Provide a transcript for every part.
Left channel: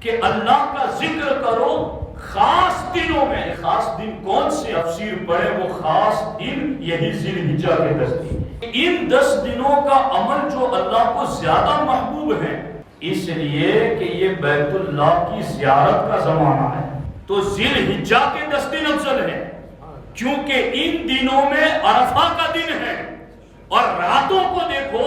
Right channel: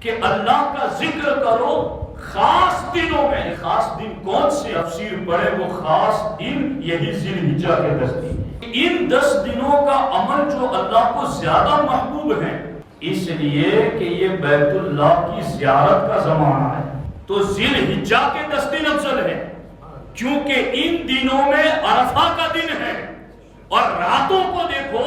کہ اللہ کا ذکر کرو خاص دنوں میں. خاص دن کون سے؟ تفسیر پڑھے وہ خاص دن یہی ذی الحجہ کے 10 دن. ان 10 دنوں کا عمل جو اللہ کو زیادہ محبوب ہے اس لیے کہ یہ بیت اللہ کی زیارت کا زمانہ ہے تو ذی الحجہ کے 10 دن افضل ہے، کیونکہ ان دنوں میں عرفہ کا دن ہے. اور راتوں کو دیکھو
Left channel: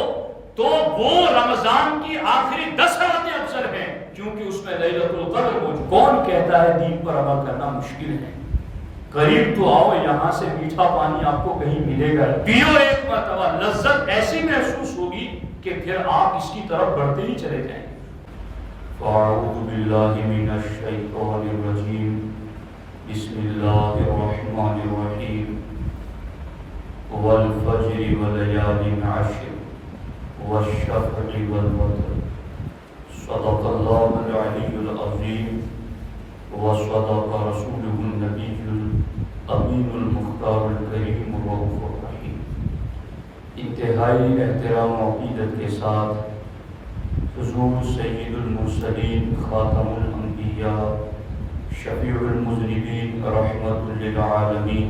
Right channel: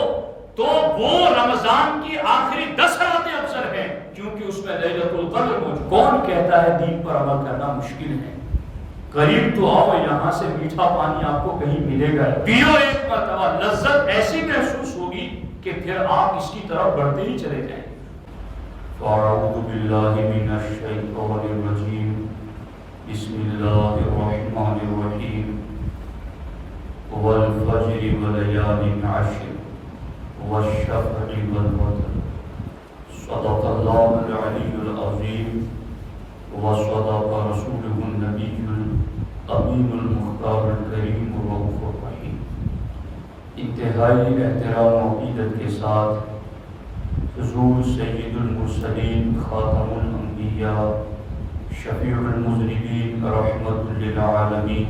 تو وہ رمضان کی آخری 10 راتیں افضل ہیں کیونکہ اس میں لیلۃ القدر موجود. کون کہتا ہے دین پر عمل کرنا مشکل ہے؟ قریب تو آؤ، یہاں سے میٹھا پانی آپ کو کہیں ملے گا، پیو ایک مرتبہ، لذت ایسی محسوس ہوگی کہ پھر آپ اس کی طرف بڑھتے ہی چلے جائیں. فاعوذ باللہ من الشیطان الرجیم، بسم اللہ الرحمن الرحیم. والفجر وليال عشر والشفع والوتر صدق الله العلي العظيم وصدق رسوله النبي الأمين المختار الكريم الرؤوف الرحيم. انتہائی احترام و عقیدت کے ساتھ حضور سید المرسلین خاتم الانبیاء شفیع المذنبین رحمت للعالمین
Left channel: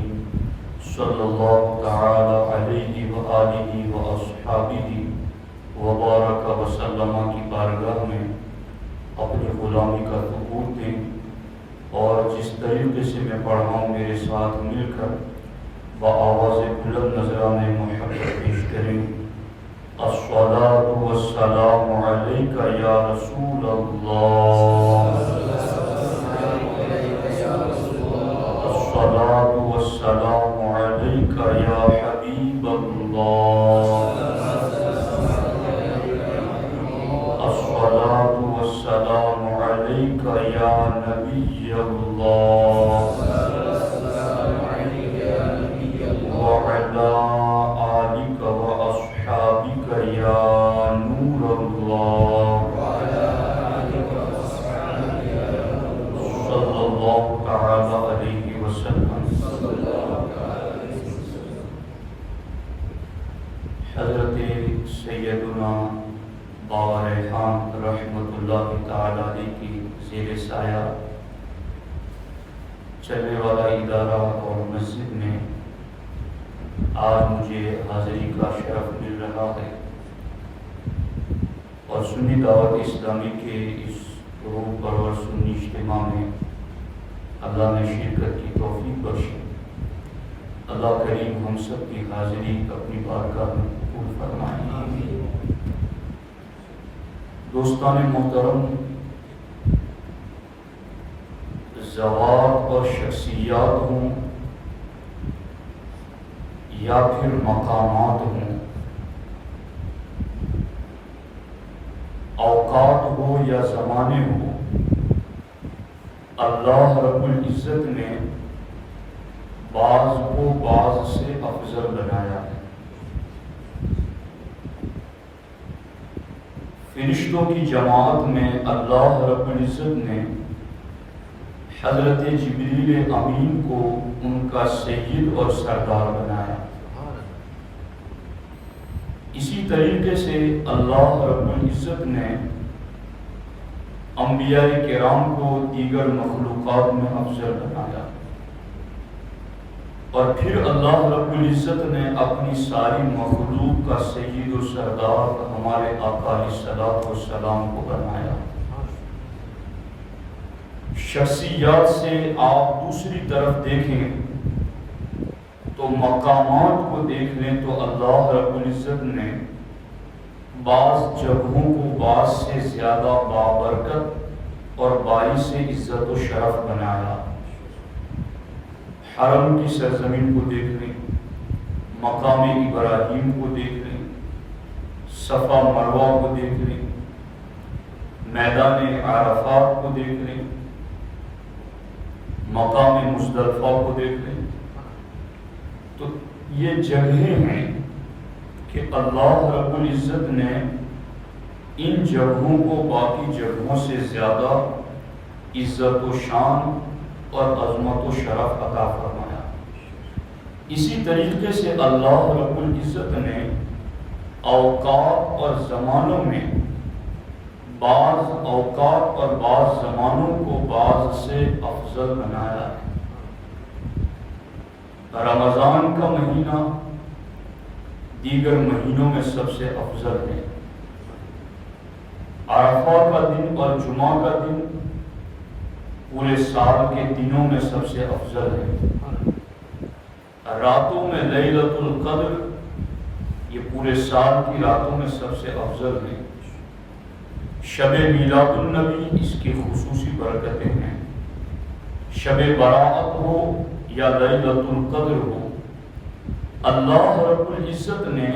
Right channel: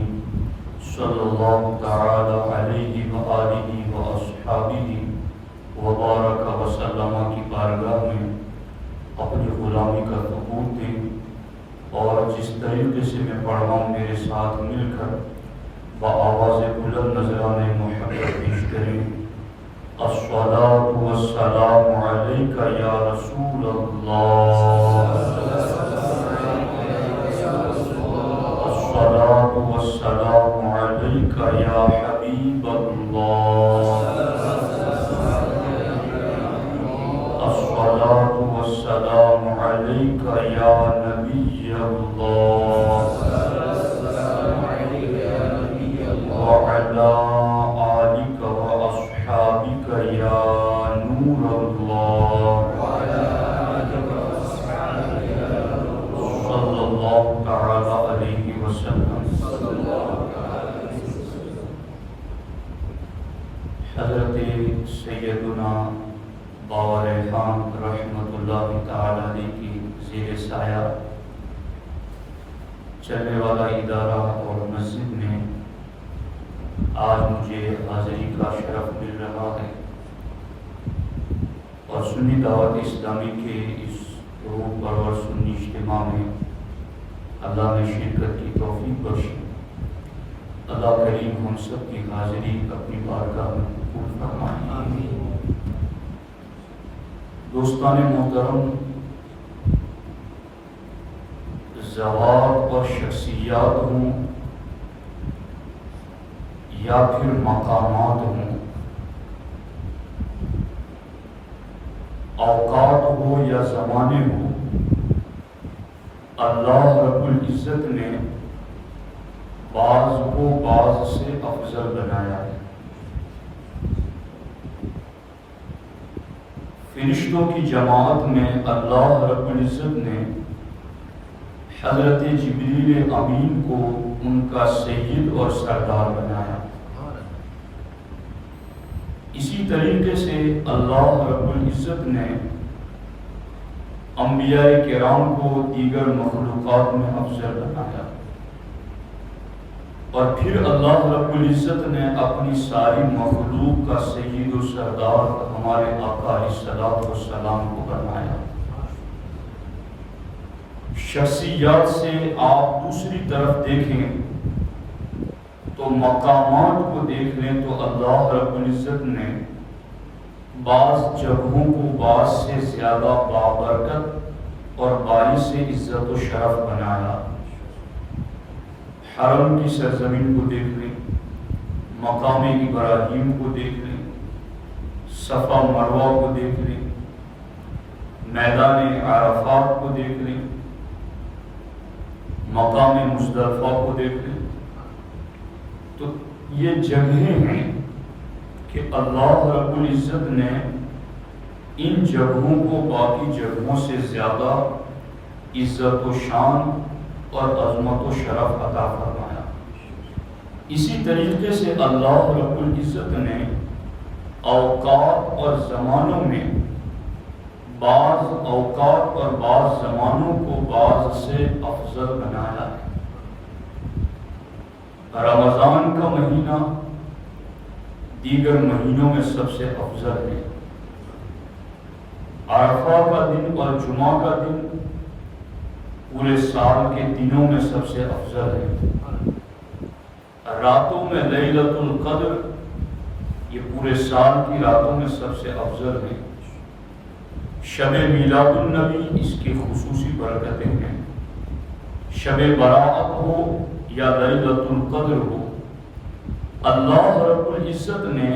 صلی اللہ تعالی علیہ وآلہ واصحابہ وبارک وسلم کی بارگاہ میں اپنی غلامی کا ثبوت دیں اور جس طریقے سے میں پڑھ رہا ہوں میرے ساتھ مل کر بآواز بلند نذرانہ محبت پیش کریں. الصلاۃ والسلام علیک یا رسول اللہ، الصلاۃ والسلام علیک یا حبیب اللہ، الصلاۃ والسلام علیک یا نبی اللہ، وعلی آلک واصحابک یا نور اللہ، صلی اللہ تعالی علیہ وسلم. حضرت سیدنا بابا ریحان رحمت اللہ تعالی علیہ کی زیر سایہ چلنے والا ادارہ اور مسجد میں آج مجھے حاضری کا شرف مل رہا ہے اور سنی دعوت اسلامی کے اس روح پرور سنی اجتماع میں اللہ نے شرکت کی توفیق بخشی. اللہ کریم ہم سب کی حاضری اپنی بارگاہ میں قبول فرمائے. دوستان محترم، ذوات اور شخصیات ہوں یا پھر مقامات ہوں، اوقات ہو یا زمانے ہو، اللہ رب العزت نے بعض کو بعض سے افضل بنایا ہے. فرشتوں کی جماعت میں اللہ رب العزت نے حضرت جبریل امین کو ان کا سید اور سردار بنایا. اسی طریقے سے اللہ رب العزت نے انبیاء کرام کو دیگر مخلوقات میں افضل بنایا اور پھر اللہ رب العزت نے اپنی ساری مخلوق کا سید و سردار ہمارے آقا علیہ الصلوۃ والسلام کو بنایا. شخصیات سے آپ دوسری طرف دیکھیں تو مقامات کو دیکھ لیں تو اللہ رب العزت نے بعض جگہوں کو بعض سے زیادہ بابرکت اور باعث عزت و شرف بنایا. حرم کی سرزمین کو دیکھ لیں، مقام ابراہیم کو دیکھ لیں، صفا مروہ کو دیکھ لیں، میدان عرفات کو دیکھ لیں، مقام مزدلفہ کو دیکھ لیں. تو یہ جگہیں ہیں کہ اللہ رب العزت نے ان جگہوں کو باقی جگہوں سے زیادہ عزت و شان اور عظمت و شرف عطا فرمایا. اسی طریقے سے اللہ رب العزت نے اوقات اور زمانوں میں بعض اوقات اور بعض زمانوں کو بعض سے افضل بنایا ہے۔ رمضان کا مہینہ دیگر مہینوں میں سب سے افضل ہے۔ عرفہ کا دن اور جمعہ کا دن پورے سال کے دنوں میں سب سے افضل ہے۔ راتوں میں لیلۃ القدر یہ پورے سال کی راتوں میں سب سے افضل ہے۔ شب میلاد النبی اس کی خصوصی برکتیں ہیں۔ شب برات ہو یا لیلۃ القدر ہو، اللہ رب العزت نے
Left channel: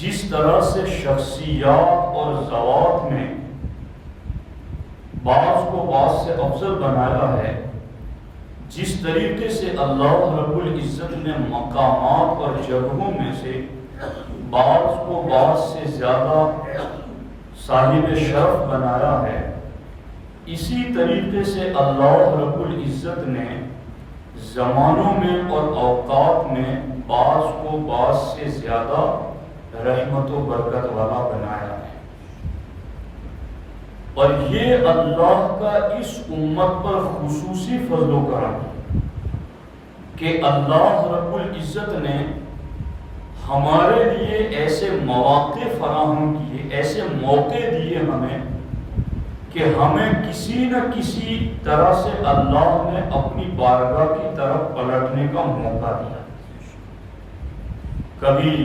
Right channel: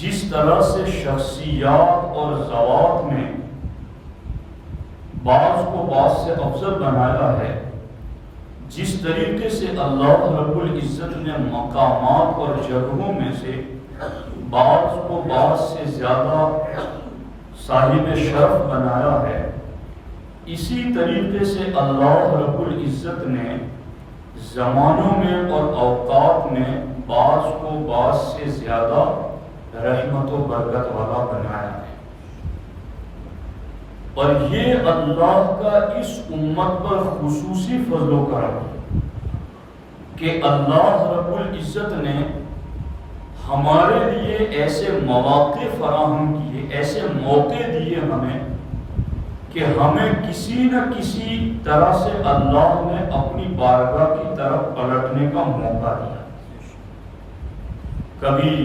جس طرح سے شخصیات اور ذوات میں بعض کو بعض سے افضل بنایا ہے، جس طریقے سے اللہ رب العزت نے مقامات اور جگہوں میں سے بعض کو بعض سے زیادہ صاحب شرف بنایا ہے، اسی طریقے سے اللہ رب العزت نے زمانوں میں اور اوقات میں بعض کو بعض سے زیادہ رحمت و برکت والا بنایا ہے۔ اور یہ اللہ کا اس امت پر خصوصی فضل و کرم کہ اللہ رب العزت نے ہمارے لیے ایسے مواقع فراہم کیے، ایسے موقع دیے ہمیں کہ ہمیں کسی نہ کسی طرح سے اللہ نے اپنی بارگاہ کی طرف پلٹنے کا موقع دیا۔ کبھی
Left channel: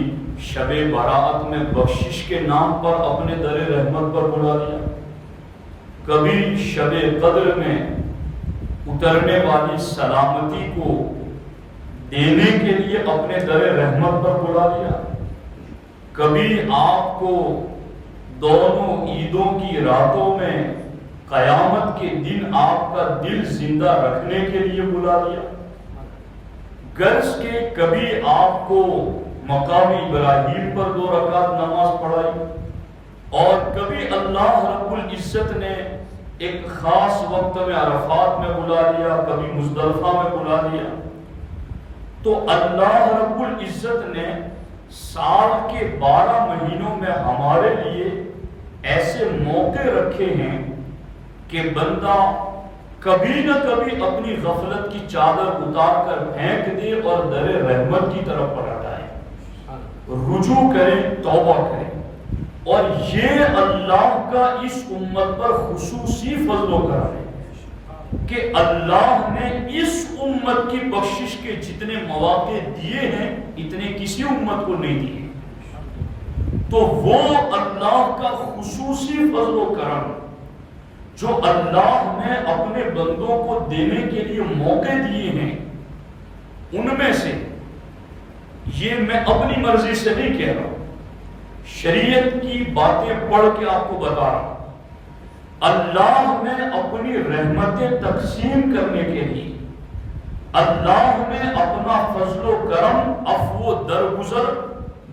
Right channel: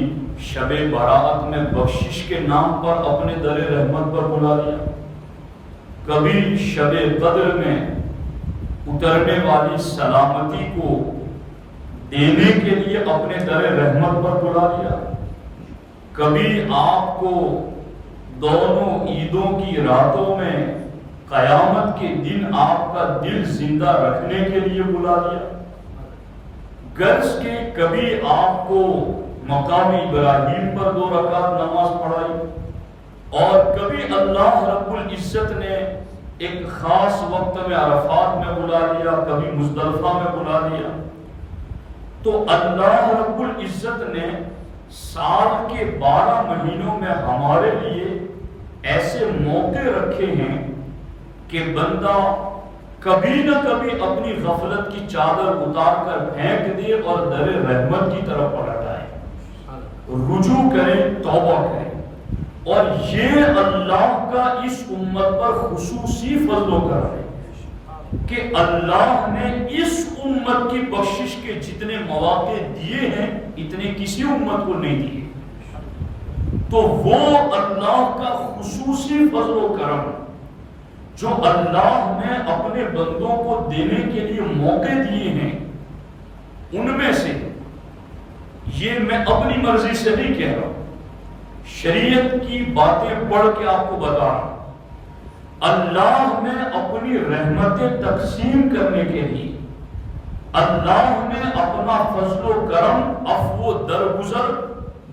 شب برات میں بخشش کے نام پر اپنے در رحمت پر بلا دیا، کبھی شب قدر میں اترنے والی سلامتی کو دینے کے لیے اپنے در رحمت پر بلا دیا، کبھی آپ کو دونوں عیدوں کی راتوں میں قیامت کے دن آپ کا دل زندہ رکھنے کے لیے بلا دیا، غرض کے کبھی آپ کو مقام ابراہیم پر 2 رکعت نماز پڑھائی، اور کبھی اللہ رب العزت نے ایک خاص وقت میں عرفات میں بلا لیا، کبھی مزدلفہ میں بلا لیا۔ تو اللہ رب العزت نے سال کے 12 مہینوں میں ہمارے لیے ایسے موقع رکھے ہیں کہ بندہ کبھی نہ کبھی اپنی غفلت کی چادر اتار کر پھینک دے اور در رحمت کی طرف پلٹ آئے، رجوع کرے، توبہ کرے۔ اور یہ اللہ کا اس امت پر خصوصی فضل و کرم ہے کہ اللہ نے اس امت کی بخشش کے جتنے مواقع دیے ہیں اتنے کسی امت کو نہیں دیے۔ تو وہ اللہ کا خصوصی فضل و کرم جو اللہ نے اپنے بندوں کو دینے کے لیے موقع دیے ہیں، ان میں سے یہ میں اپنی مرضی سے نہیں کہہ رہا ہوں، شریعت کی باتیں پڑھ کے آپ کو بتا رہا ہوں۔ اللہ نے اپنی رحمتیں تقسیم کرنے کے لیے، اللہ نے اپنا فضل و کرم، عفو و درگزر،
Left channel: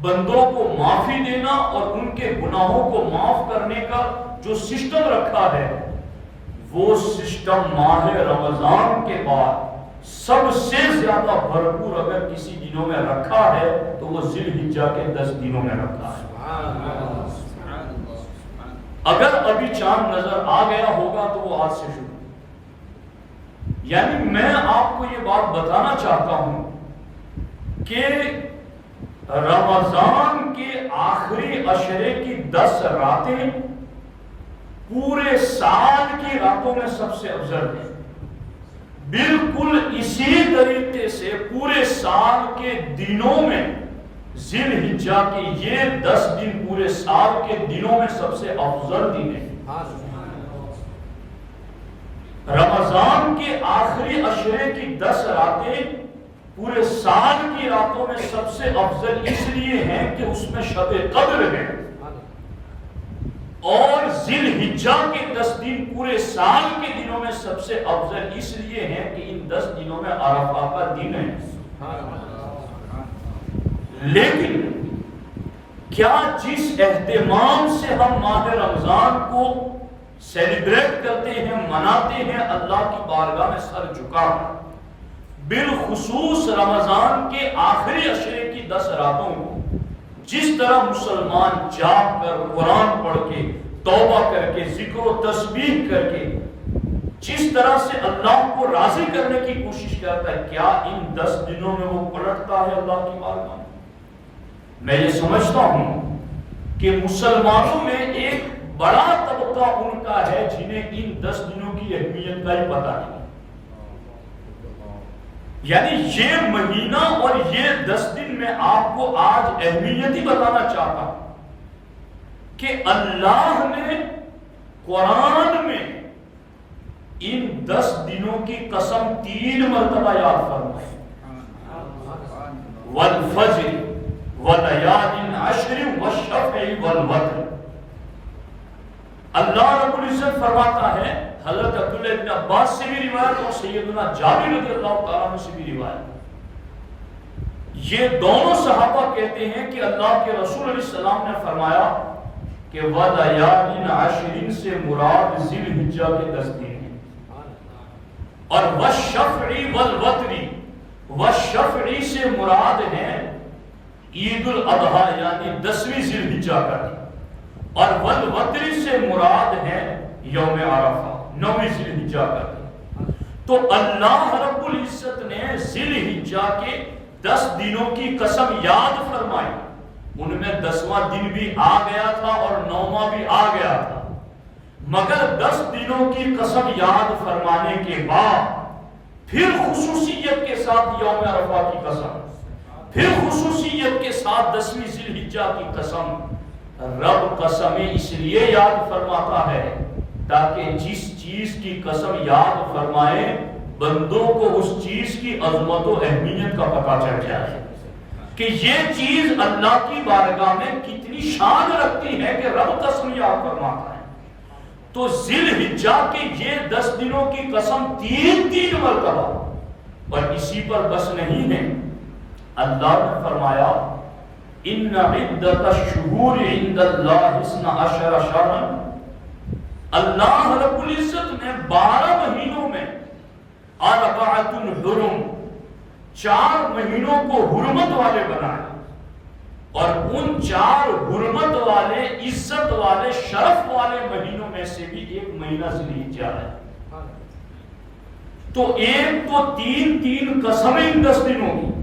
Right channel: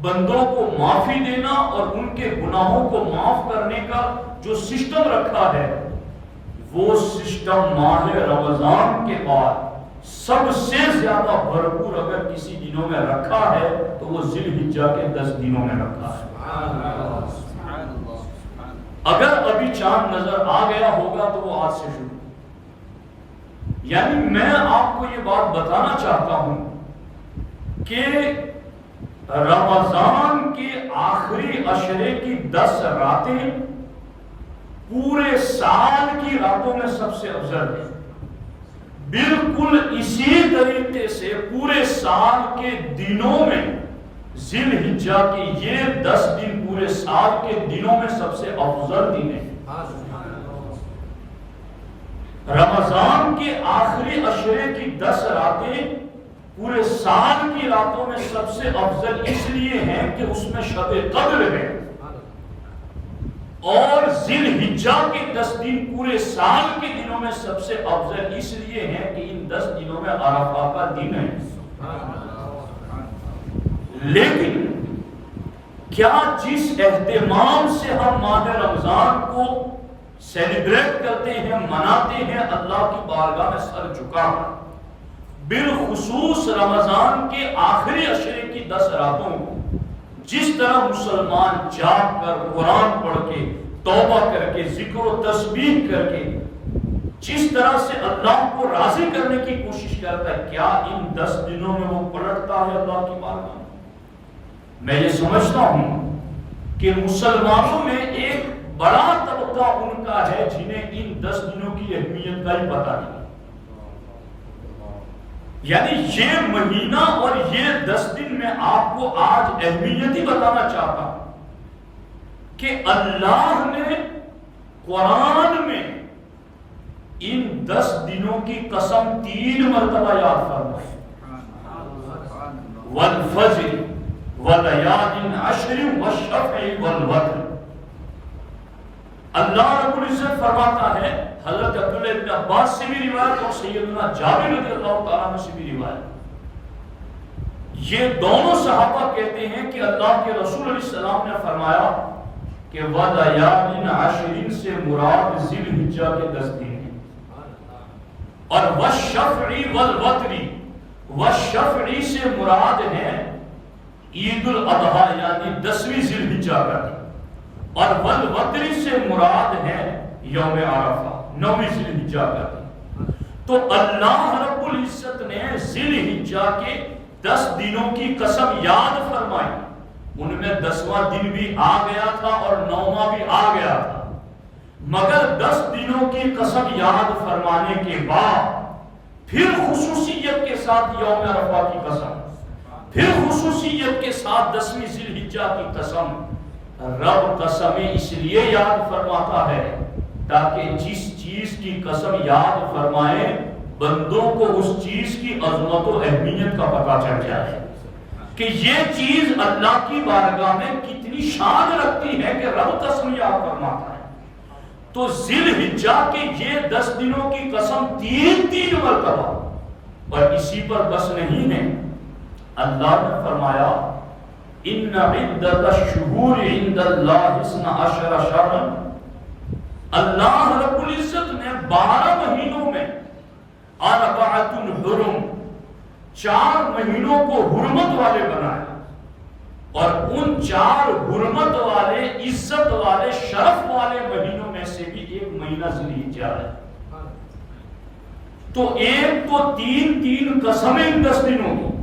بندوں کو معافی دینا اور ان کے گناہوں کو معاف کرنے کا جو سسٹم رکھا ہے، وہ سسٹم ماہ رمضان کے بعد سب سے زیادہ بھرپور اگر کسی دنوں میں رکھا ہے تو وہ ذی الحجہ کے 10 دنوں میں رکھا ہے۔ اگر ابھی چاند نظر آ گیا ہوگا تو وہ آج سے شروع۔ یعنی میں آپ کو یہ بات بتانا چاہتا ہوں کہ رمضان کے آخری عشرے کی 10 راتیں پورے سال کی راتوں میں سب سے افضل ہیں۔ بالکل اسی طریقے سے پورے سال کے دنوں میں ذی الحجہ کے یہ 10 دن پورے سال کے دنوں میں سب سے افضل دن ہیں۔ رمضان کے آخری عشرے کی 10 راتیں پورے سال کی راتوں میں سب سے افضل اس لیے ہیں کہ اس میں شب قدر ہے، اور ذی الحجہ کے 10 دن پورے سال کے دنوں میں سب سے افضل اس لیے ہیں کہ ان 10 دنوں میں عرفہ کا دن ہے۔ لیکن کیا جس اہتمام سے ہم ماہ رمضان کو سیلیبریٹ کرتے ہیں، مناتے ہیں، اللہ کی بارگاہ میں سر جھکا، بالخصوص رمضان کے آخری عشرے کی 10 راتوں کو جس طرح مسلمان جاگ کر قرآن پڑھ کے توبہ کر کے ذکر و تسبیح کر کے جس طرح سے اللہ کو راضی کرنے کی کوشش کرتا ہے، کیا ان 10 دنوں میں وہ پلٹتا ہے اللہ کی بارگاہ میں؟ میں یہ سمجھتا ہوں کہ مسلمانوں میں ایک بڑا طبقہ ان کا ہے جنہیں ان 10 دنوں کی اہمیت کا ہی پتہ نہیں۔ یعنی یہ مہینہ اور یہ 10 دن میں آپ کو آج اہمیت ہی بتانا چاہتا ہوں کہ اللہ نے قرآن میں ان 10 دنوں کی قسم 3 مرتبہ یاد فرمائی، والفجر ولیال عشر والشفع والوتر۔ اللہ رب العزت فرماتا ہے، حضرت عبداللہ ابن عباس سے بھی روایت اور سیدنا جابر رضی اللہ تعالیٰ عنہ سے بھی روایت، یہ دونوں صحابہ کہتے ہیں کہ اللہ کے رسول علیہ السلام نے فرمایا کہ ولیال عشر سے مراد ذی الحجہ کے 10 دن ہیں، اور والشفع والوتر، والشفع سے مراد ہے عید الاضحیٰ یعنی 10ویں ذی الحجہ کا دن، اور والوتر سے مراد ہے یوم عرفہ 9ویں ذی الحجہ کا دن۔ تو اللہ رب العزت نے ذی الحجہ کے 10 دنوں کی قسم یاد فرمائی، ان میں 10واں دن بھی آ گیا تھا اور 9واں بھی آ گیا تھا، مگر 10 دنوں کی قسم یاد فرمانے کے بعد پھر خصوصیت کے ساتھ یوم عرفہ کی قسم، پھر خصوصیت کے ساتھ 10ویں ذی الحجہ کی قسم۔ رب قسمیں اس لیے یاد فرماتا ہے تاکہ جس چیز کی قسم یاد فرمائے بندوں کو اس چیز کی عظمت و اہمیت کا پتہ چل جائے کہ یہ چیز اللہ کی بارگاہ میں کتنی شان رکھتی ہے کہ رب قسم یاد فرماتا ہے۔ تو ذی الحجہ کے یہ 10 دنوں کی قسم 3 مرتبہ، اور اسی پر بس نہیں ہے، اللہ نے فرمایا ان عدت الشہور عند اللہ 12 شہرا، اللہ رب العزت نے 12 مہینوں میں 4 حرم، 4 مہینوں کو حرمت والے بنایا، اور ان 4 حرمت والے عزت والے شرف والے مہینوں میں سے بھی ایک مہینہ ذی الحجہ ہے۔ تو ایک تو 3 قسمیں ان 10 دنوں کی،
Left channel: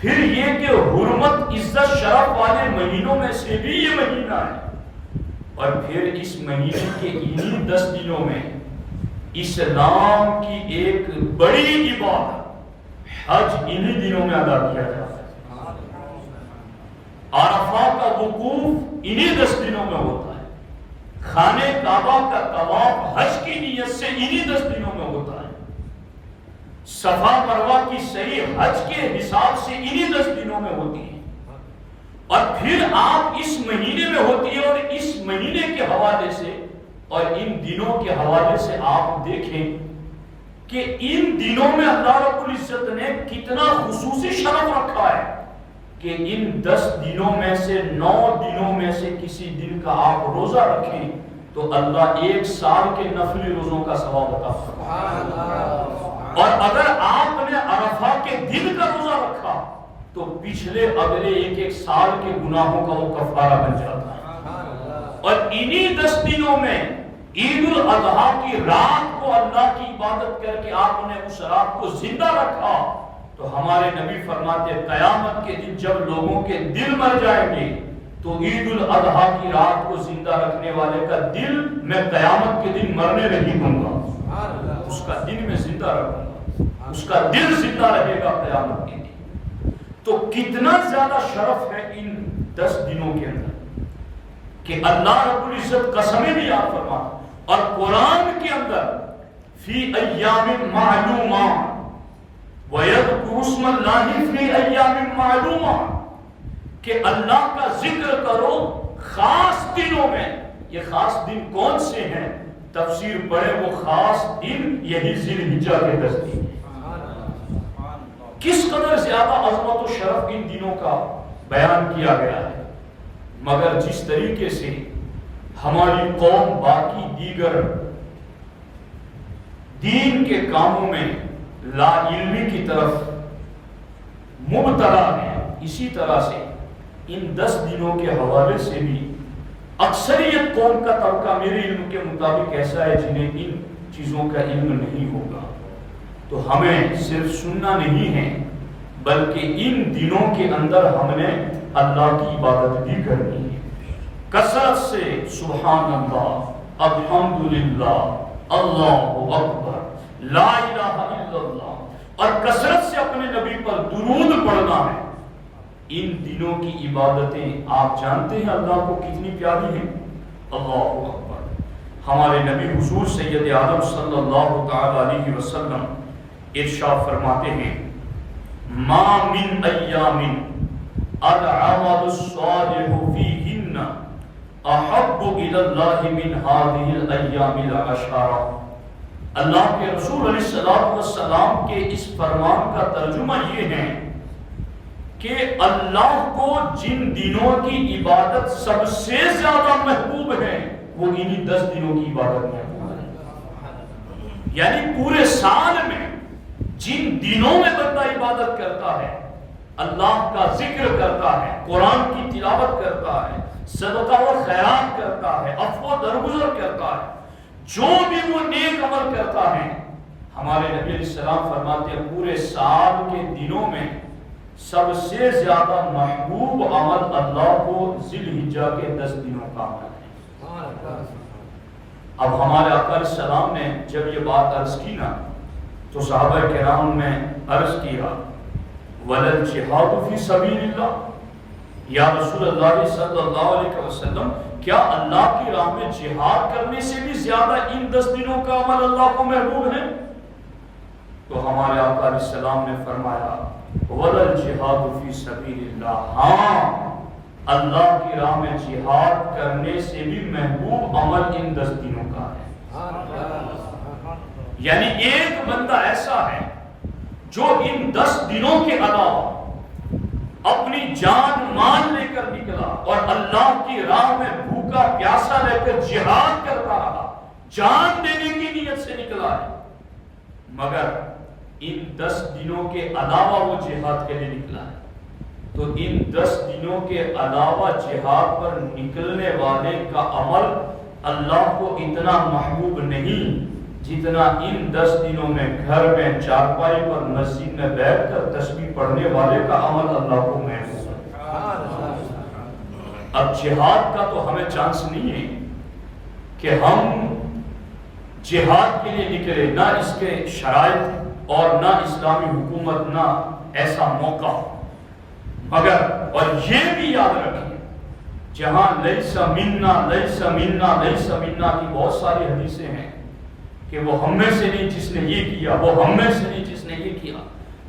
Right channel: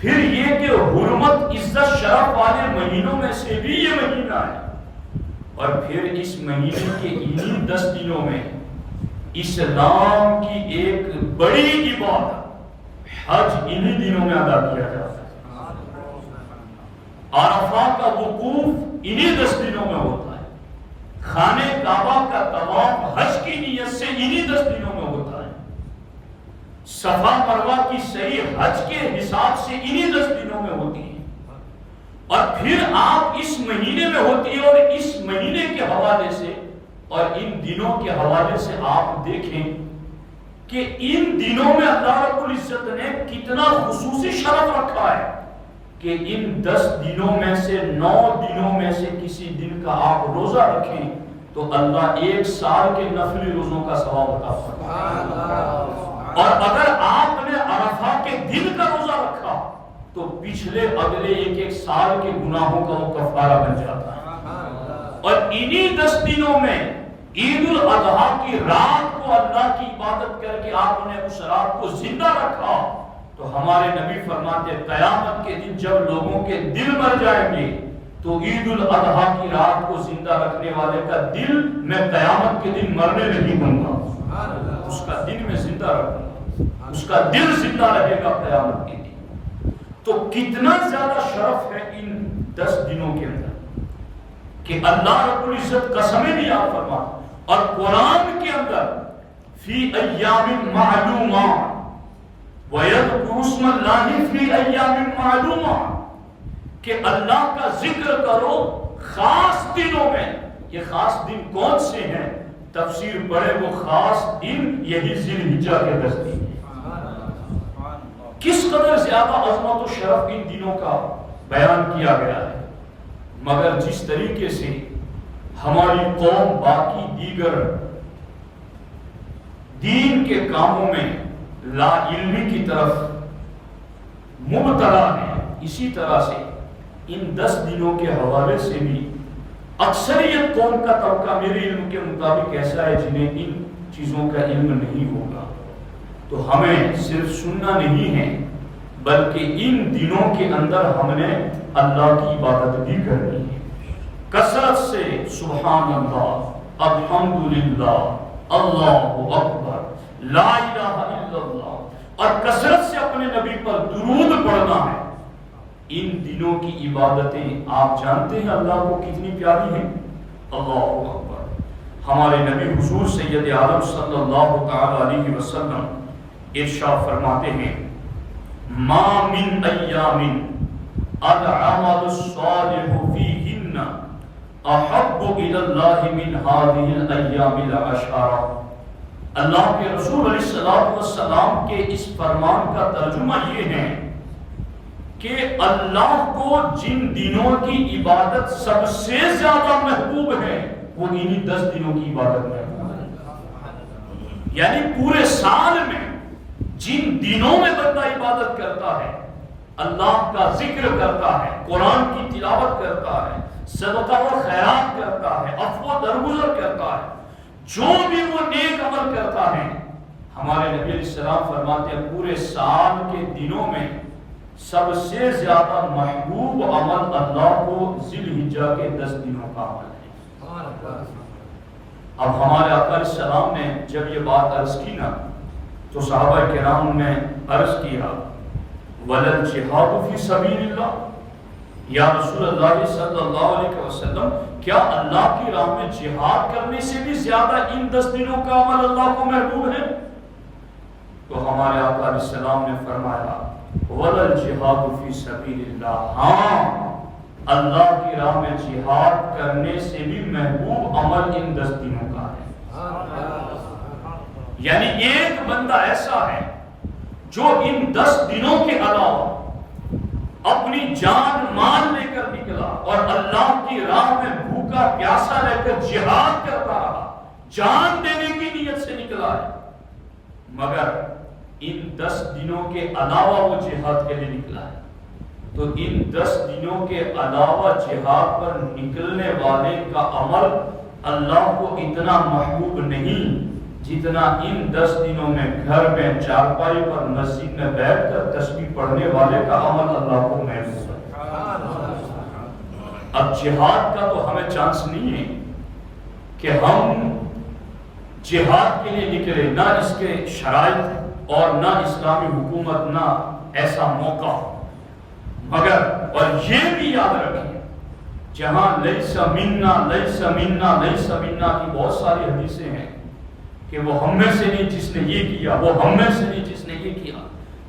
پھر یہ کہ حرمت عزت شرف والے مہینوں میں سے بھی یہ مہینہ ہے، اور پھر اس مہینے کے انہی 10 دنوں میں اسلام کی ایک بڑی عبادت حج انہی دنوں میں ادا کیا جاتا ہے۔ عرفات کا وقوف انہی 10 دنوں میں ہوتا ہے، خانہ کعبہ کا طواف حج کی نیت سے انہی 10 دنوں میں ہوتا ہے، صفا مروہ کی صحیح حج کے حساب سے انہی 10 دنوں میں ہوتی ہے، اور پھر آپ اس مہینے میں ہوتی ہے، اور اس مہینے کے حوالے سے اور ان دنوں کے حوالے سے آپ دیکھیں کہ ان دنوں میں اللہ رب العزت نے کتنا خصوصی شرف رکھا ہے کہ ان 10 دنوں میں سے 9 دنوں میں سے کسی دن کا آپ روزہ رکھیں تو اللہ 1 سال کے نفلی روزوں کا ثواب عطا فرمائے، اور اگر آپ نے عرفہ کے دن کا روزہ رکھا تو پچھلے اگلے 1 سال کے گناہوں کا وہ کفارہ بن جاتا ہے۔ اور انہی 10 دنوں میں عید الاضحیٰ کی رات کو اللہ کی عبادت کر کے آپ نے اس رات کو زندہ رکھا، تو ہمارے نبی فرماتے قیامت کے دن جب لوگوں کے دل مر جائیں گے تو عید الاضحیٰ کی رات کو زندہ رکھنے والے کا دل میں قیامت کے دن مرنے نہیں دوں گا، اس کا دن میں زندہ رکھوں گا، اس کا دل زندہ رہے گا قیامت کے دن۔ تو کتنا زیادہ شرف ہے ان 10 دنوں کے اندر کہ اللہ رب العزت قسمیں بھی یاد فرماتا، اور قرآن کے اندر فی ایام معلومات وَيَذْكُرُ اسْمَ اللَّهِ فِي أَيَّامٍ مَعْلُومَاتٍ کہ اللہ کا ذکر کرو خاص دنوں میں۔ یہ خاص دن کون سے ہیں؟ تفسیر پڑھے وہ خاص دن یہی ذی الحجہ کے 10 دن ہیں۔ کس قدر زیادہ عظمت و شرف ان دنوں کا بیان کیا گیا ہے، مگر جس طریقے سے ہماری قوم باقی دیگر دین کے کاموں میں لا علمی کی طرف مبتلا ہے، اسی طرح سے ان 10 دنوں کے حوالے سے بھی اکثریت قوم کا طبقہ میرے علم کے مطابق ایسا ہے جنہیں ان چیزوں کا علم نہیں ہوگا. تو ہمیں صرف سننا نہیں ہے بلکہ ان دنوں کے اندر ہم نے اللہ کی عبادت بھی کرنی ہے کثرت سے. سبحان اللہ، الحمدللہ، اللہ اکبر، لا الہ الا اللہ، اور کثرت سے اپنے نبی پر درود پڑھنا ہے. ان دنوں کی عبادتیں آپ جانتے ہیں اللہ کو کتنی پیاری ہیں. اللہ اکبر. ہمارے نبی حضور سید عالم صلی اللہ تعالی علیہ وسلم ارشاد فرماتے ہیں ما من ایام العمل الصالح فیہن احب الی اللہ من هذه الایام العشرہ. اللہ کے رسول علیہ السلام کے اس فرمان کا ترجمہ یہ ہے کہ اللہ کو جن دنوں کی عبادت سب سے زیادہ محبوب ہے وہ انہی 10 دنوں کی عبادت محبوب ہے. یعنی پورے سال میں جن دنوں میں بندہ عبادت کرتا ہے، اللہ کا ذکر کرتا ہے، قرآن کی تلاوت کرتا ہے، صدقہ و خیرات کرتا ہے، عفو و درگزر کرتا ہے، جو بھی وہ نیک عمل کرتا ہے، ہمارے نبی علیہ السلام فرماتے ہیں پورے سال کے دنوں میں سب سے زیادہ محبوب عمل اللہ کو ذی الحجہ کے 10 دنوں کا عمل ہے. اب ہمارے آقا علیہ السلام نے جب یہ بات عرض کی نا تو صحابہ کرام نے عرض کیا وَلَلْ جِهَادُ فِي سَبِيلِ اللَّهِ، یا رسول اللہ صلی اللہ علیہ وسلم کیا اللہ کی راہ میں جہاد کرنے سے بھی زیادہ ان 10 دنوں کا عمل اللہ کو محبوب ہے؟ تو ہمارے آقا علیہ السلام نے فرمایا وَلَلْ جِهَادُ فِي سَبِيلِ اللَّهِ، ہاں اللہ کی راہ میں جہاد کرنے سے بھی محبوب عمل ان 10 دنوں کا ہے. یعنی ایک بندہ ایسا ہے جو ان 10 دنوں کے علاوہ اپنی جان مال لے کر نکلا اور اللہ کی راہ میں بھوکا پیاسا لے کر جہاد کرتا رہا، جان دینے کی نیت سے نکلا ہے، مگر ان 10 دنوں کے علاوہ وہ جہاد کے لیے نکلا ہے. تو ان 10 دنوں کے علاوہ جہاد پر نکلنے والے کا عمل اللہ کو اتنا محبوب نہیں جتنا ان 10 دنوں میں گھر میں چارپائی پر مسجد میں بیٹھ کر تسبیح پڑھنے والے کا عمل اللہ کو محبوب ہے. اب جہاد کا تو ہمیں چانس نہیں ہے کہ ہم جہاد کے لیے نکلے، نہ اس کے شرائط اور نہ اسلامی حکومت نہ ایسا موقع، مگر اور یہ بھی یاد رکھیں جہاں لیس منا لیس منا لیس منا کی بہت ساری حدیثیں ہیں کہ وہ ہم میں سے نہیں جس نے یہ کیا، وہ ہم میں سے نہیں جس نے یہ کیا.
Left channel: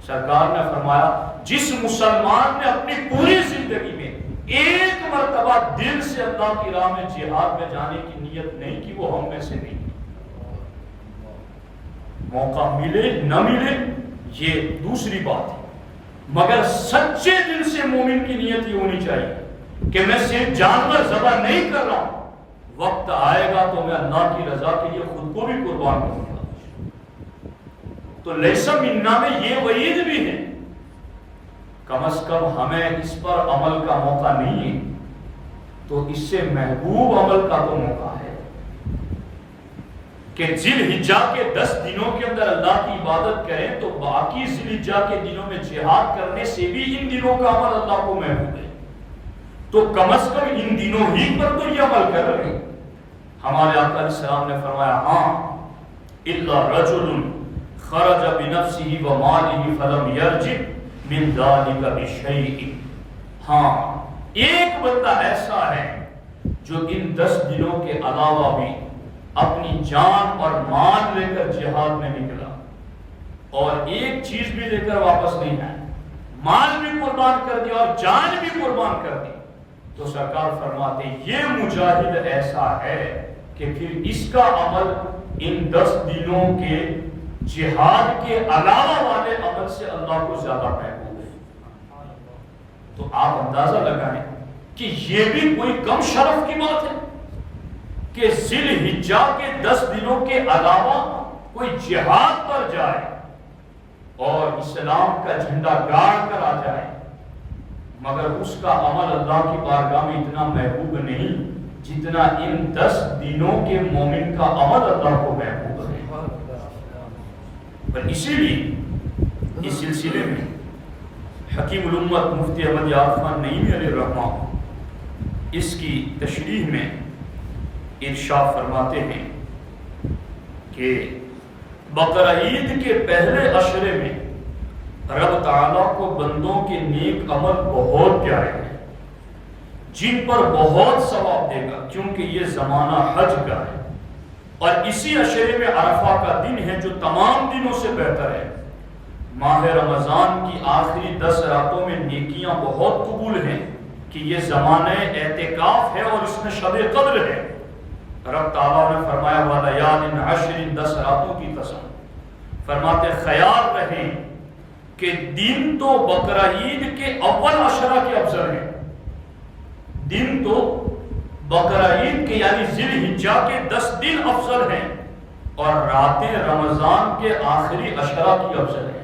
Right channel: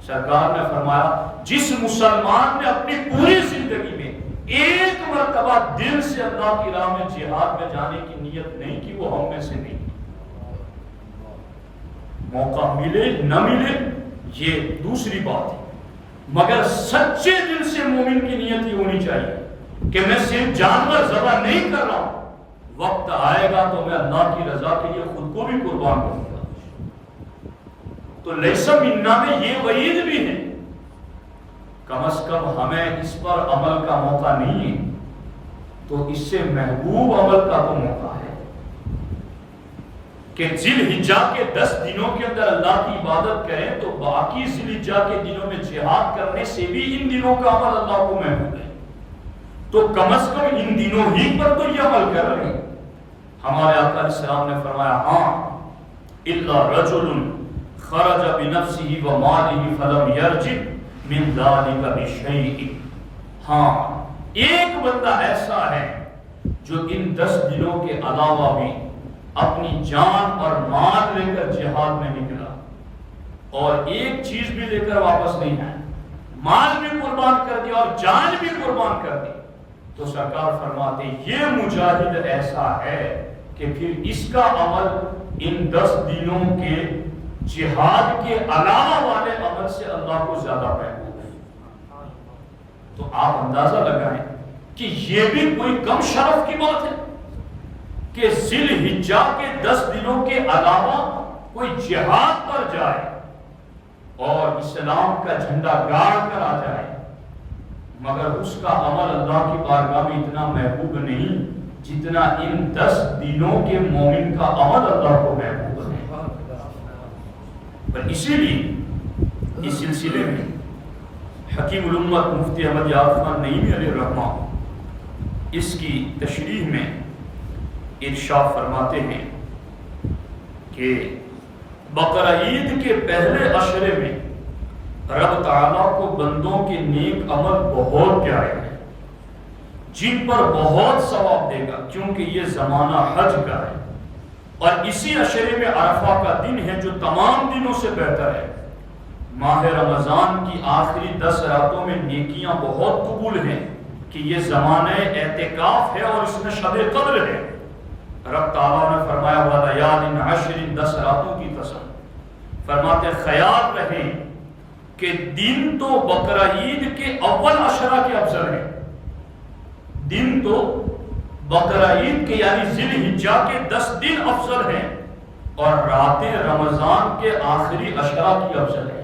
سرکار نے فرمایا جس مسلمان نے اپنی پوری زندگی میں ایک مرتبہ دل سے اللہ کی راہ میں جہاد میں جانے کی نیت نہیں کی وہ ہم میں سے نہیں. موقع ملے نہ ملے یہ دوسری بات ہے، مگر سچے دل سے مومن کی نیت یہ ہونی چاہیے کہ میں صرف جانور ذبح نہیں کر رہا ہوں، وقت آئے گا تو میں اللہ کی رضا کے لیے خود کو بھی قربان کروں گا. تو لیسا منا میں یہ وعید بھی ہے، کم از کم ہمیں اس پر عمل کا موقع نہیں ہے تو اس سے محبوب عمل کا تو موقع ہے کہ ذی الحجہ کے 10 دنوں کے اندر اللہ کی عبادت کریں تو باقی ذی الحجہ کے دنوں میں جہاد کرنے سے بھی ان دنوں کا عمل اللہ کو محبوب ہے. تو کم از کم ان دنوں ہی پر تو یہ عمل کر رہے ہیں. ہمارے آقا علیہ السلام نے فرمایا ہاں الا رجل خرج بنفسه وماله فلم يرجع من ذلك بشيء، ہاں ایک بندہ ایسا ہے جو ان 10 دنوں کے علاوہ بھی اپنی جان اور مال لے کر جہاد میں نکلا اور ایک چیز بھی لے کر واپس نہیں آیا، مال بھی قربان کر دیا اور جان بھی قربان کر دی، تو سرکار فرماتے یہ مجاہد ایسا ہے کہ پھر اس کا عمل ان 10 دنوں کے جہاد کے علاوہ والے عمل سے اللہ کو زیادہ محبوب ہے. تو آپ اندازہ لگائیں کہ یہ بھی کوئی کم شرف کی بات ہے کہ ذی الحجہ کے 10 دنوں کے علاوہ کوئی جہاد پر جائے اور اسلام کا جھنڈا گاڑ کر آ جائے، مگر اس کا عمل اللہ کی بارگاہ میں اتنا محبوب نہیں جتنا ان 10 دنوں کے مومن کا عمل اللہ کو محبوب ہے۔ اور اسی لیے اس سلسلے میں حکیم الامت مفتی احمد یار خان نعیمی علیہ الرحمہ اس کی تشریح میں ارشاد فرماتے ہیں کہ بقرہ عید کے پہلے عشرے میں رب تعالیٰ کو بندوں کے نیک عمل بہت پیارے ہیں، جن پر بہت ثواب دے گا، کیونکہ یہ زمانہ حج کا ہے، اور اسی عشرے میں عرفہ کا دن ہے جو تمام دنوں سے بہتر ہے۔ ماہ رمضان کی آخری 10 راتوں میں نیکیاں بہت قبول ہیں کہ یہ زمانہ اعتکاف ہے اور اس میں شب قدر ہے۔ رب تعالیٰ نے فرمایا وَلَيَالٍ عَشْرٍ 10 راتوں کی قسم، فرماتے خیال رہیں کہ دن تو بقرہ عید کے اول عشرہ کے افضل ہیں، دن تو بقرہ عید کے یعنی ذی الحجہ کے 10 دن افضل ہیں، اور راتیں رمضان کے آخری عشرہ کی افضل ہیں۔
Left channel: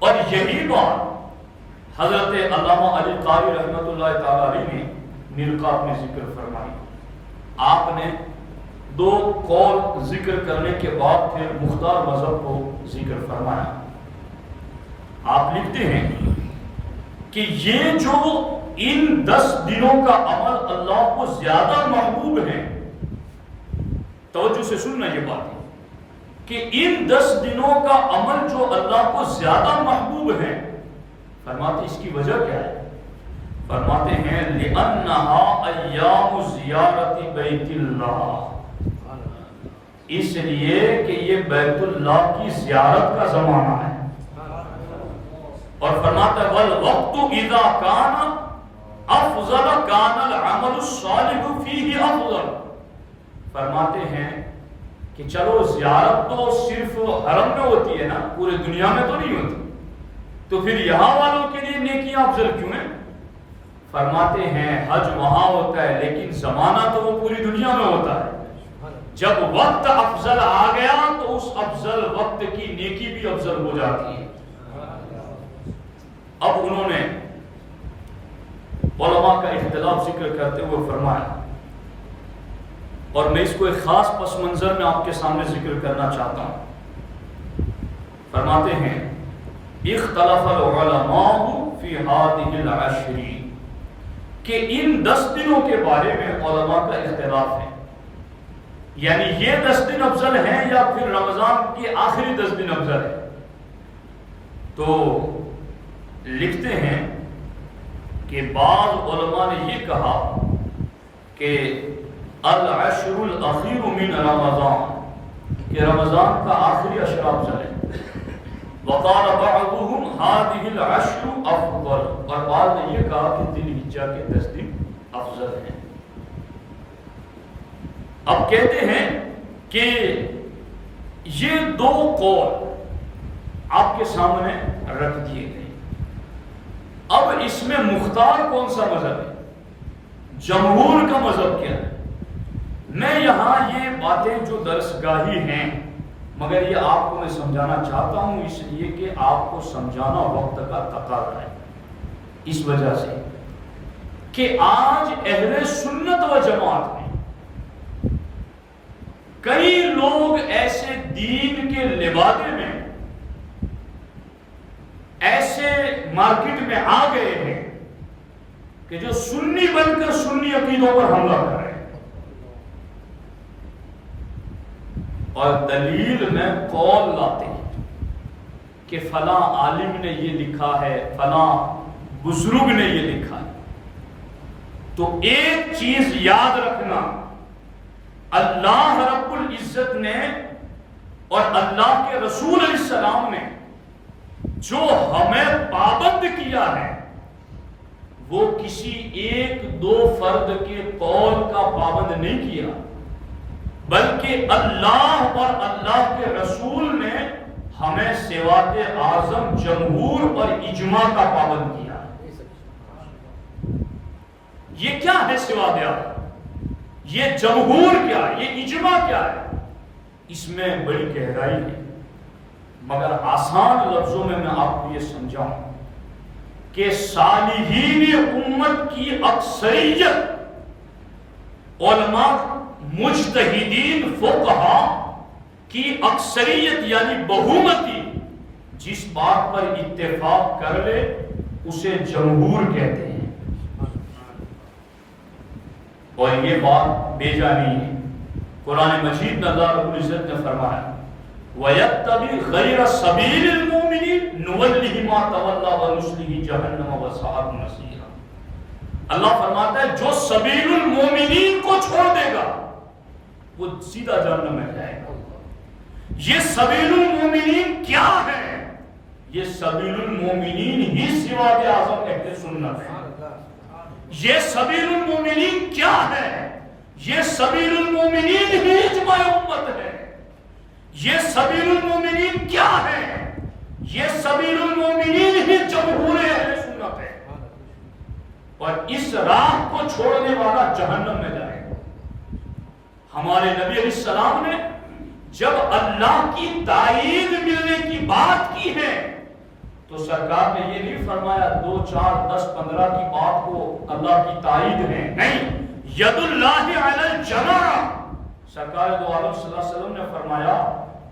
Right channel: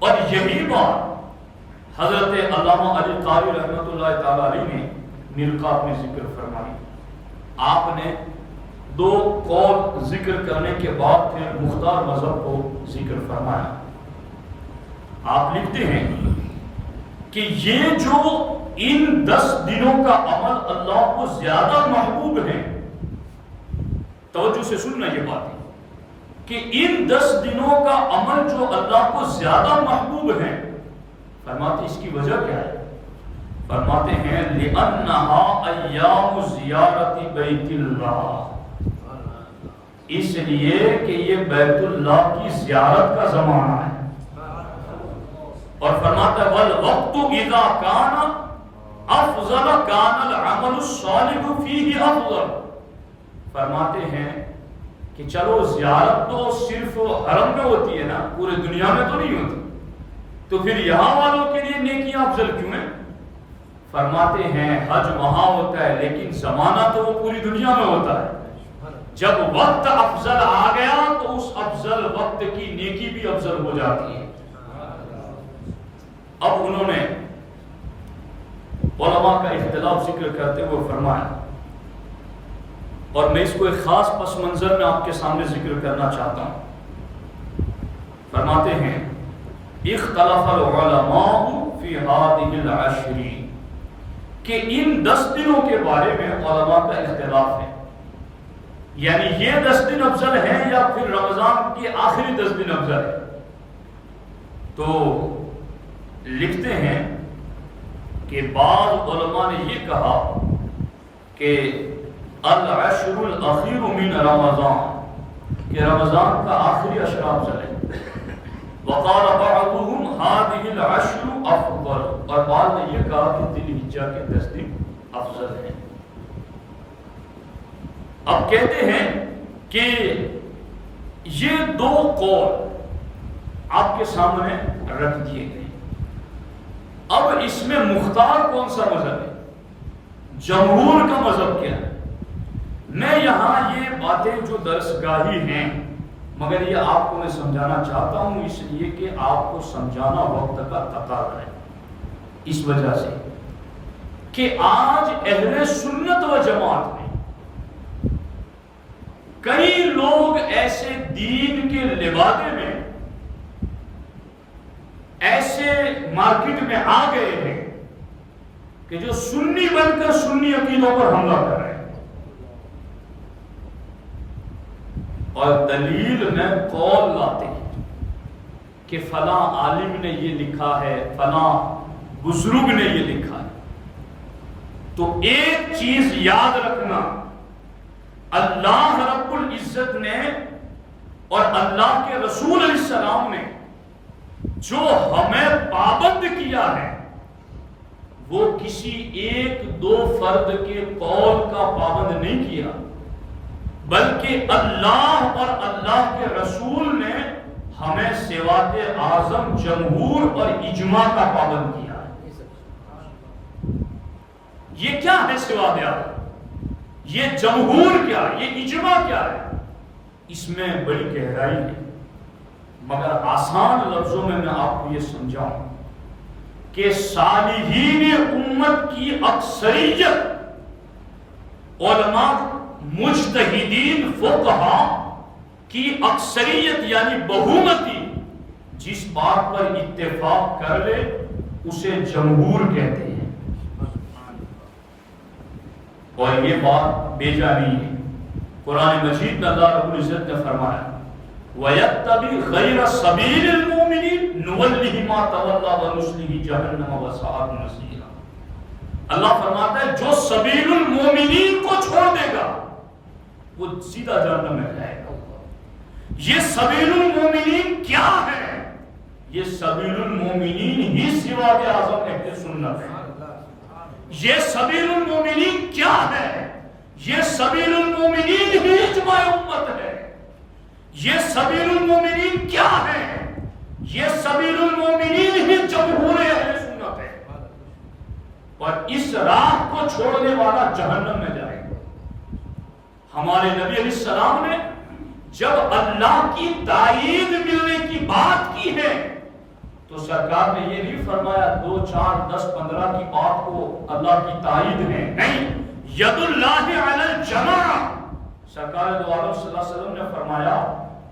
اور یہی بات حضرت علامہ علی قاری رحمۃ اللہ تعالی علیہ نے مرقات میں ذکر فرمائی۔ آپ نے 2 قول ذکر کرنے کے بعد پھر مختار مذہب کو ذکر فرمایا۔ آپ لکھتے ہیں کہ یہ جو ان 10 دنوں کا عمل اللہ کو زیادہ محبوب ہے، توجہ سے سننا یہ بات ہے کہ ان 10 دنوں کا عمل جو اللہ کو زیادہ محبوب ہے، فرماتے اس کی وجہ کیا ہے؟ فرماتے ہیں لِأَنَّهَا أَيَّامُ زِيَارَةِ بَيْتِ اللَّهِ، اس لیے کہ یہ بیت اللہ کی زیارت کا زمانہ ہے۔ اور فرماتا ہے وَالْوَقْتُ إِذَا كَانَ أَفْضَلَ كَانَ الْعَمَلُ الصَّالِحُ فِيهِ أَفْضَلَ، فرماتے ہیں کہ چلو زیارت تو صرف حرم میں ہوتی ہے نا، پورے دنیا میں تو نہیں ہوتی، تو پھر یہاں والوں کے لیے نیکیاں افضل کیوں ہیں؟ فرماتے ہیں حج وہاں ہوتا ہے لیکن زمانہ تو وہ پوری دنیا میں ہوتا ہے۔ جب وقت افضل آ گیا تو اس افضل وقت کی نیکی بھی افضل ہو جاتی ہے۔ اب انہوں نے علماء کا اختلاف ذکر کرتے ہوئے فرمایا، اور میں اس کو ایک خاص پس منظر میں آپ کے سامنے ذکر کرنا چاہتا ہوں۔ فرماتے ہیں اختلف العلماء فی هذه العشر، کہ ان 10 دنوں کے بارے میں علماء کا اختلاف ہے، یعنی یہ 10 دن افضل ہیں یا پھر رمضان کے آخری 10 دن افضل ہے۔ تو لکھتے ہیں کہ بعض علماء نے یہ کہا کہ العشر الاخیر من رمضان، کہ رمضان کا آخری عشرہ افضل ہے۔ وقال بعضهم هذه العشر افضل، اور بعض نے یہ کہا کہ ذی الحجہ کے 10 دن افضل ہیں۔ اب کہتے ہیں کہ یہ 2 قول آپ کے سامنے رکھ دیے گئے، اب اس میں مختار کون سا مذہب ہے، جمہور کا مذہب کیا ہے؟ میں یہاں یہ باتیں جو درس گاہی ہیں، مگر یہ آپ کو میں سمجھانا چاہتا ہوں اس لیے کہ آپ کو سمجھانا وقت کا تقاضا ہے، اس وجہ سے کہ آج اہل سنت و جماعت میں کئی لوگ ایسے دین کے لبادے میں ایسے مارکیٹ میں آ گئے ہیں کہ جو سنی بن کر سنی عقیدوں پر حملہ کر رہے ہیں، اور دلیل میں قول لاتے ہیں کہ فلاں عالم نے یہ لکھا ہے، فلاں بزرگ نے یہ لکھا ہے۔ تو ایک چیز یاد رکھنا، اللہ رب العزت نے اور اللہ کے رسول علیہ السلام نے جو ہمیں پابند کیا ہے وہ کسی 1-2 فرد کے قول کا پابند نہیں کیا، بلکہ اللہ اور اللہ کے رسول نے ہمیں سوات اعظم جمہور اور اجماع کا پابند کیا ہے۔ یہ کیا ہے سوات اعظم، یہ جمہور کیا ہے، یہ اجماع کیا ہے؟ اس میں بڑی گہرائی ہے، مگر آسان لفظوں میں آپ کو یہ سمجھاؤں کہ صالحین امت کی اکثریت علماء مجتہدین فقہا کی اکثریت یعنی بہومتی جس بات پر اتفاق کر لے اسے جمہور کہتے ہیں، اور یہ بات بے جانی ہے۔ قرآن مجید میں اللہ رب العزت نے فرمایا وَيَتَّبِعْ غَيْرَ سَبِيلِ الْمُؤْمِنِينَ نُوَلِّهِ مَا تَوَلَّىٰ وَنُصْلِهِ جَهَنَّمَ وَسَاءَتْ مَصِيرًا۔ اللہ فرماتا ہے جو سبیل المومنین کو چھوڑ دے گا وہ سیدھا جہنم میں جائے گا۔ یہ سبیل المومنین کیا ہے؟ یہ سبیل المومنین ہی سواد اعظم اہل سنت ہے۔ یہ سبیل المومنین کیا ہے؟ یہ سبیل المومنین ہی اجماع امت ہے۔ یہ سبیل المومنین کیا ہے؟ یہ سبیل المومنین ہی جمہور اہل سنت ہے، اور اس راہ کو چھوڑنے والا جہنم میں جائے گا۔ ہمارے نبی علیہ السلام نے جب اللہ کی تائید ملنے کی بات کی ہے تو سرکار نے یہ نہیں فرمایا 2 4 10 15 کی بات کو اللہ کی تائید ہے، نہیں، ید اللہ علی الجماع۔ سرکار دو عالم صلی اللہ علیہ وسلم نے فرمایا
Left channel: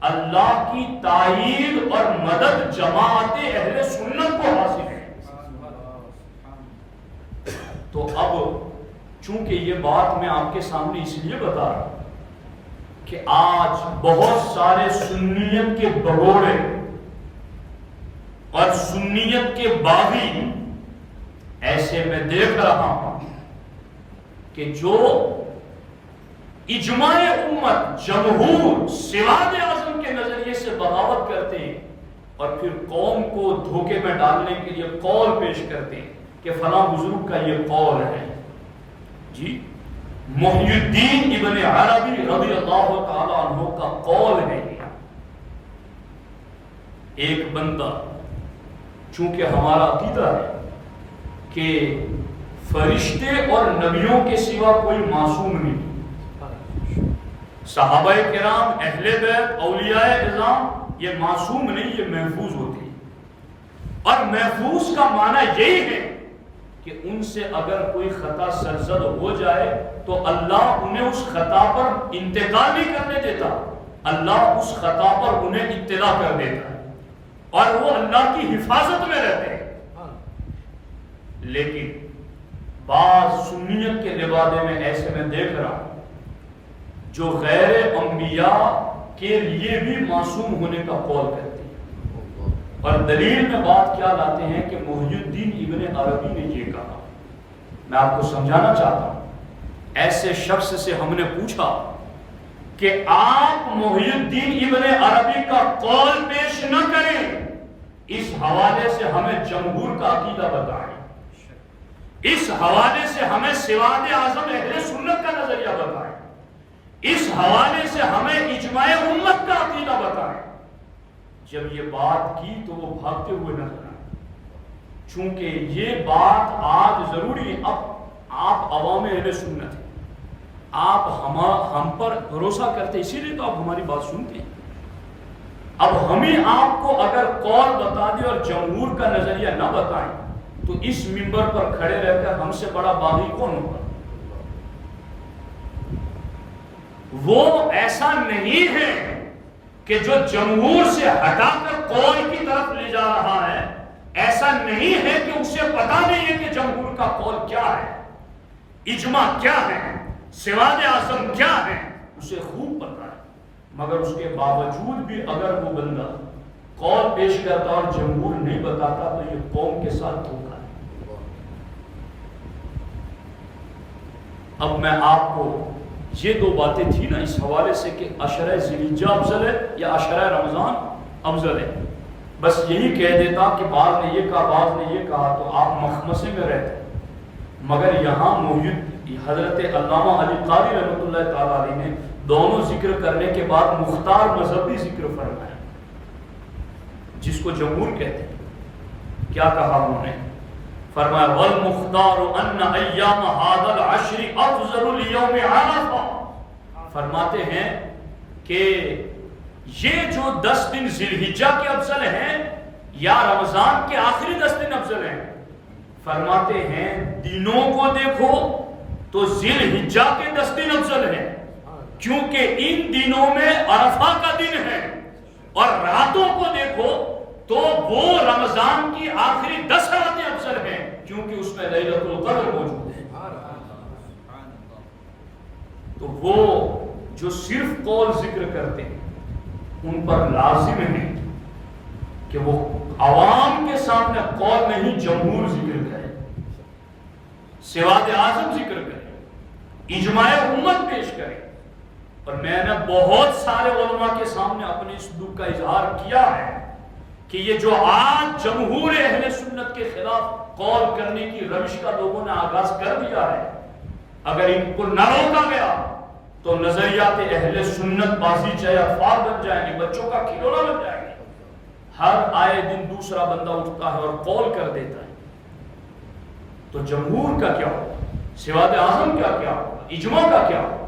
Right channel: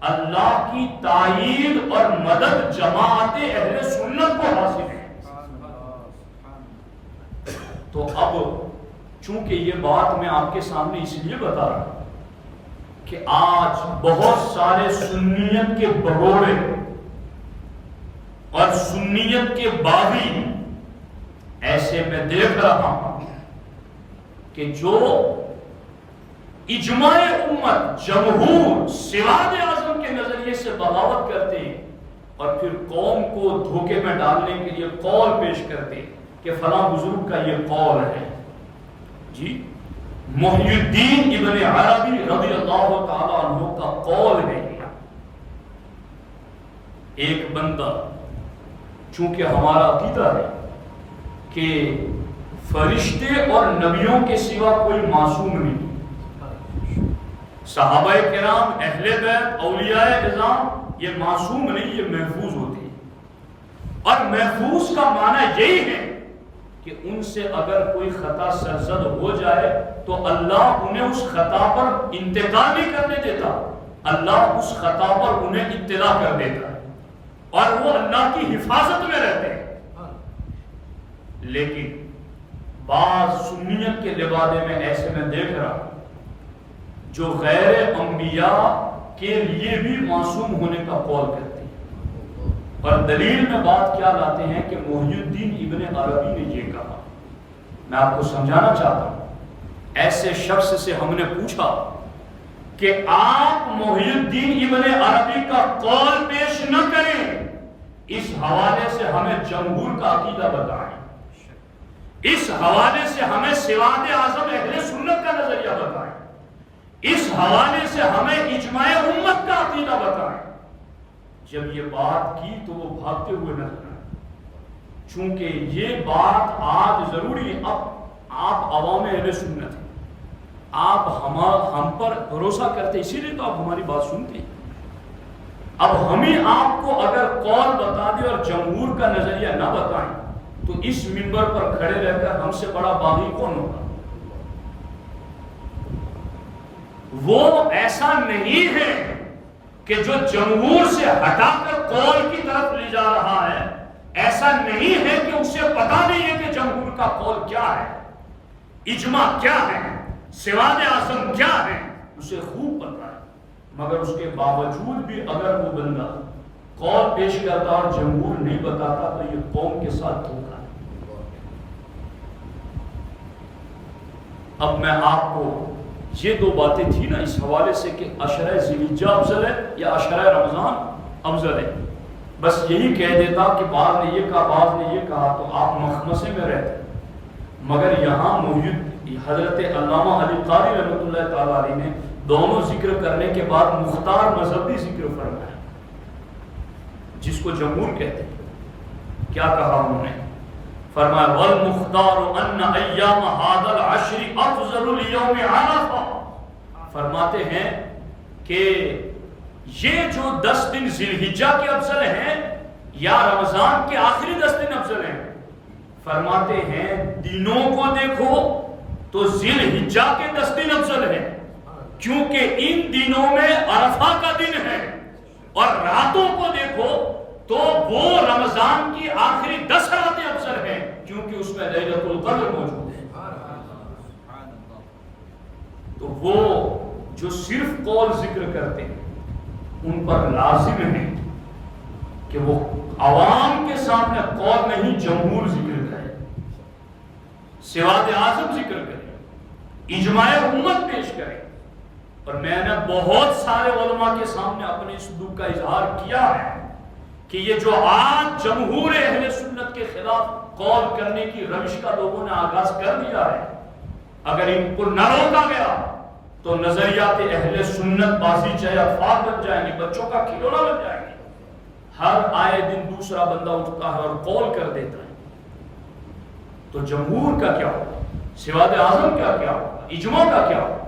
اللہ کی تائید اور مدد جماعت اہل سنت کو حاصل ہے۔ تو اب چونکہ یہ بات میں آپ کے سامنے اس لیے بتا رہا ہوں کہ آج بہت سارے سنیت کے بگوڑے اور سنیت کے باغی ایسے میں دیکھ رہا ہوں کہ جو اجماع امت جمہور سواد اعظم کے نظریے سے بغاوت کرتے ہیں اور پھر قوم کو دھوکے میں ڈالنے کے لیے قول پیش کرتے ہیں کہ فلاں بزرگ کا یہ قول ہے۔ جی محی الدین ابن عربی رضی اللہ تعالی عنہ کا قول ہے یہ۔ ایک بندہ، چونکہ ہمارا عقیدہ ہے کہ فرشتے اور نبیوں کے سوا کوئی معصوم نہیں، صحابہ کرام، اہل بیت، اولیاء اعظام یہ معصوم نہیں، یہ محفوظ ہوتے ہیں، اور محفوظ کا معنی یہی ہے کہ ان سے اگر کوئی خطا سرزد ہو جائے تو اللہ انہیں اس خطا پر انتقال نہیں کرنے دیتا، اللہ اس خطا پر انہیں اطلاع کر دیتا ہے اور وہ اللہ کی حفاظت میں رہتے ہیں۔ لیکن بعض سنیت کے لبادے میں ایسے میں دیکھ رہا ہوں جو غیر انبیاء کے لیے بھی معصوم ہونے کا قول کرتے ہیں، اور دلیل میں بات کیا لاتے ہیں کہ محی الدین ابن عربی نے یہ کہا۔ میں آپ کو سمجھانا چاہتا ہوں، ایسے شخص سے ہم نے پوچھا کہ آپ محی الدین ابن عربی کا قول پیش نہ کریں، اس حوالے سے ہمیں جمہور کا عقیدہ بتائیں، اس حوالے سے ہمیں سواد اعظم اہل سنت کا نظریہ بتائیں، اس حوالے سے ہمیں اجماع امت کا عقیدہ بتائیں۔ جب یہ بات کی تو وہ بھاگتے ہوئے نظر آئے، چونکہ یہ بات آج ضروری ہے۔ اب آپ عوام اہل سنت ہیں، آپ ہم پر بھروسہ کرتے، اسی لیے تو آپ ہماری بات سنتے ہیں۔ اب ہمیں آپ کو اگر قول بتا دیں اور جمہور کا نظریہ نہ بتائیں تو اس منبر پر کھڑے رہ کر ہم سے بڑا باغی کون ہوگا؟ وہ ایسا نہیں ہے کہ جو جمہور سے ہٹا کر قول کی طرف لے جا رہا ہے، ایسا نہیں ہے کہ اسے پتا نہیں ہے کہ جمہور کا قول کیا ہے، اجماع کیا ہے، سواد اعظم کیا ہے، اسے خوب پتا ہے، مگر اس کے باوجود بھی اگر وہ بندہ قول پیش کرتا اور جمہور نہیں بتاتا تو یہ قوم کے ساتھ دھوکا ہے۔ اب میں آپ کو یہ دو باتیں تھی نا اس حوالے سے کہ عشرہ ذی الحجہ افضل ہے یا عشرہ رمضان افضل ہے، بس یہی کہہ دیتا کہ بعض نے یہ کہا بعض نے یہ کہا تو آپ مخمسے میں رہتے، مگر یہاں حضرت علامہ علی قاری رحمۃ اللہ تعالیٰ علیہ نے دونوں ذکر کرنے کے بعد مختار مذہبی ذکر فرمایا جس کو جمہور کہتے ہیں۔ کیا کہا انہوں نے؟ فرمایا وَالْمُخْتَارُ أَنَّ أَيَّامَ هَذَا الْعَشْرِ أَفْضَلُ لِيَوْمِ عَرَفَةٍ، فرماتے ہیں کہ یہ جو 10 دن ذی الحجہ کے افضل ہیں یا رمضان کے آخری 10 دن افضل ہیں، فرماتے ہیں دنوں کو دیکھو تو ذی الحجہ کے 10 دن افضل ہے، کیونکہ ان دنوں میں عرفہ کا دن ہے، اور راتوں کو دیکھو تو وہ رمضان کی آخری 10 راتیں افضل ہیں، کیونکہ اس میں لیلۃ القدر موجود ہے۔ تو وہ جو صرف قول ذکر کرتے ہیں ان پر لازم ہے کہ وہ عوام کے سامنے قول نہیں جمہور ذکر کرے، سواد اعظم ذکر کرے، اجماع امت پیش کرے۔ اور میں نے بہت سارے علماء کے سامنے اپنے اس دکھ کا اظہار کیا ہے کہ یہ جو آج جمہور اہل سنت کے خلاف قول کرنے کی روش کا لوگوں نے آغاز کر دیا ہے، اگر ان کو نہ روکا گیا تو نظریات اہل سنت بازی چاہے افواہ بن جائیں گے، بچوں کا کھلونا بن جائیں گے۔ ہر آئے دن دوسرا بندہ اٹھتا ہے اور قول کر دیتا ہے، تو جمہور کا کیا ہوگا، سواد اعظم کا کیا ہوگا، اجماع کا کیا ہوگا؟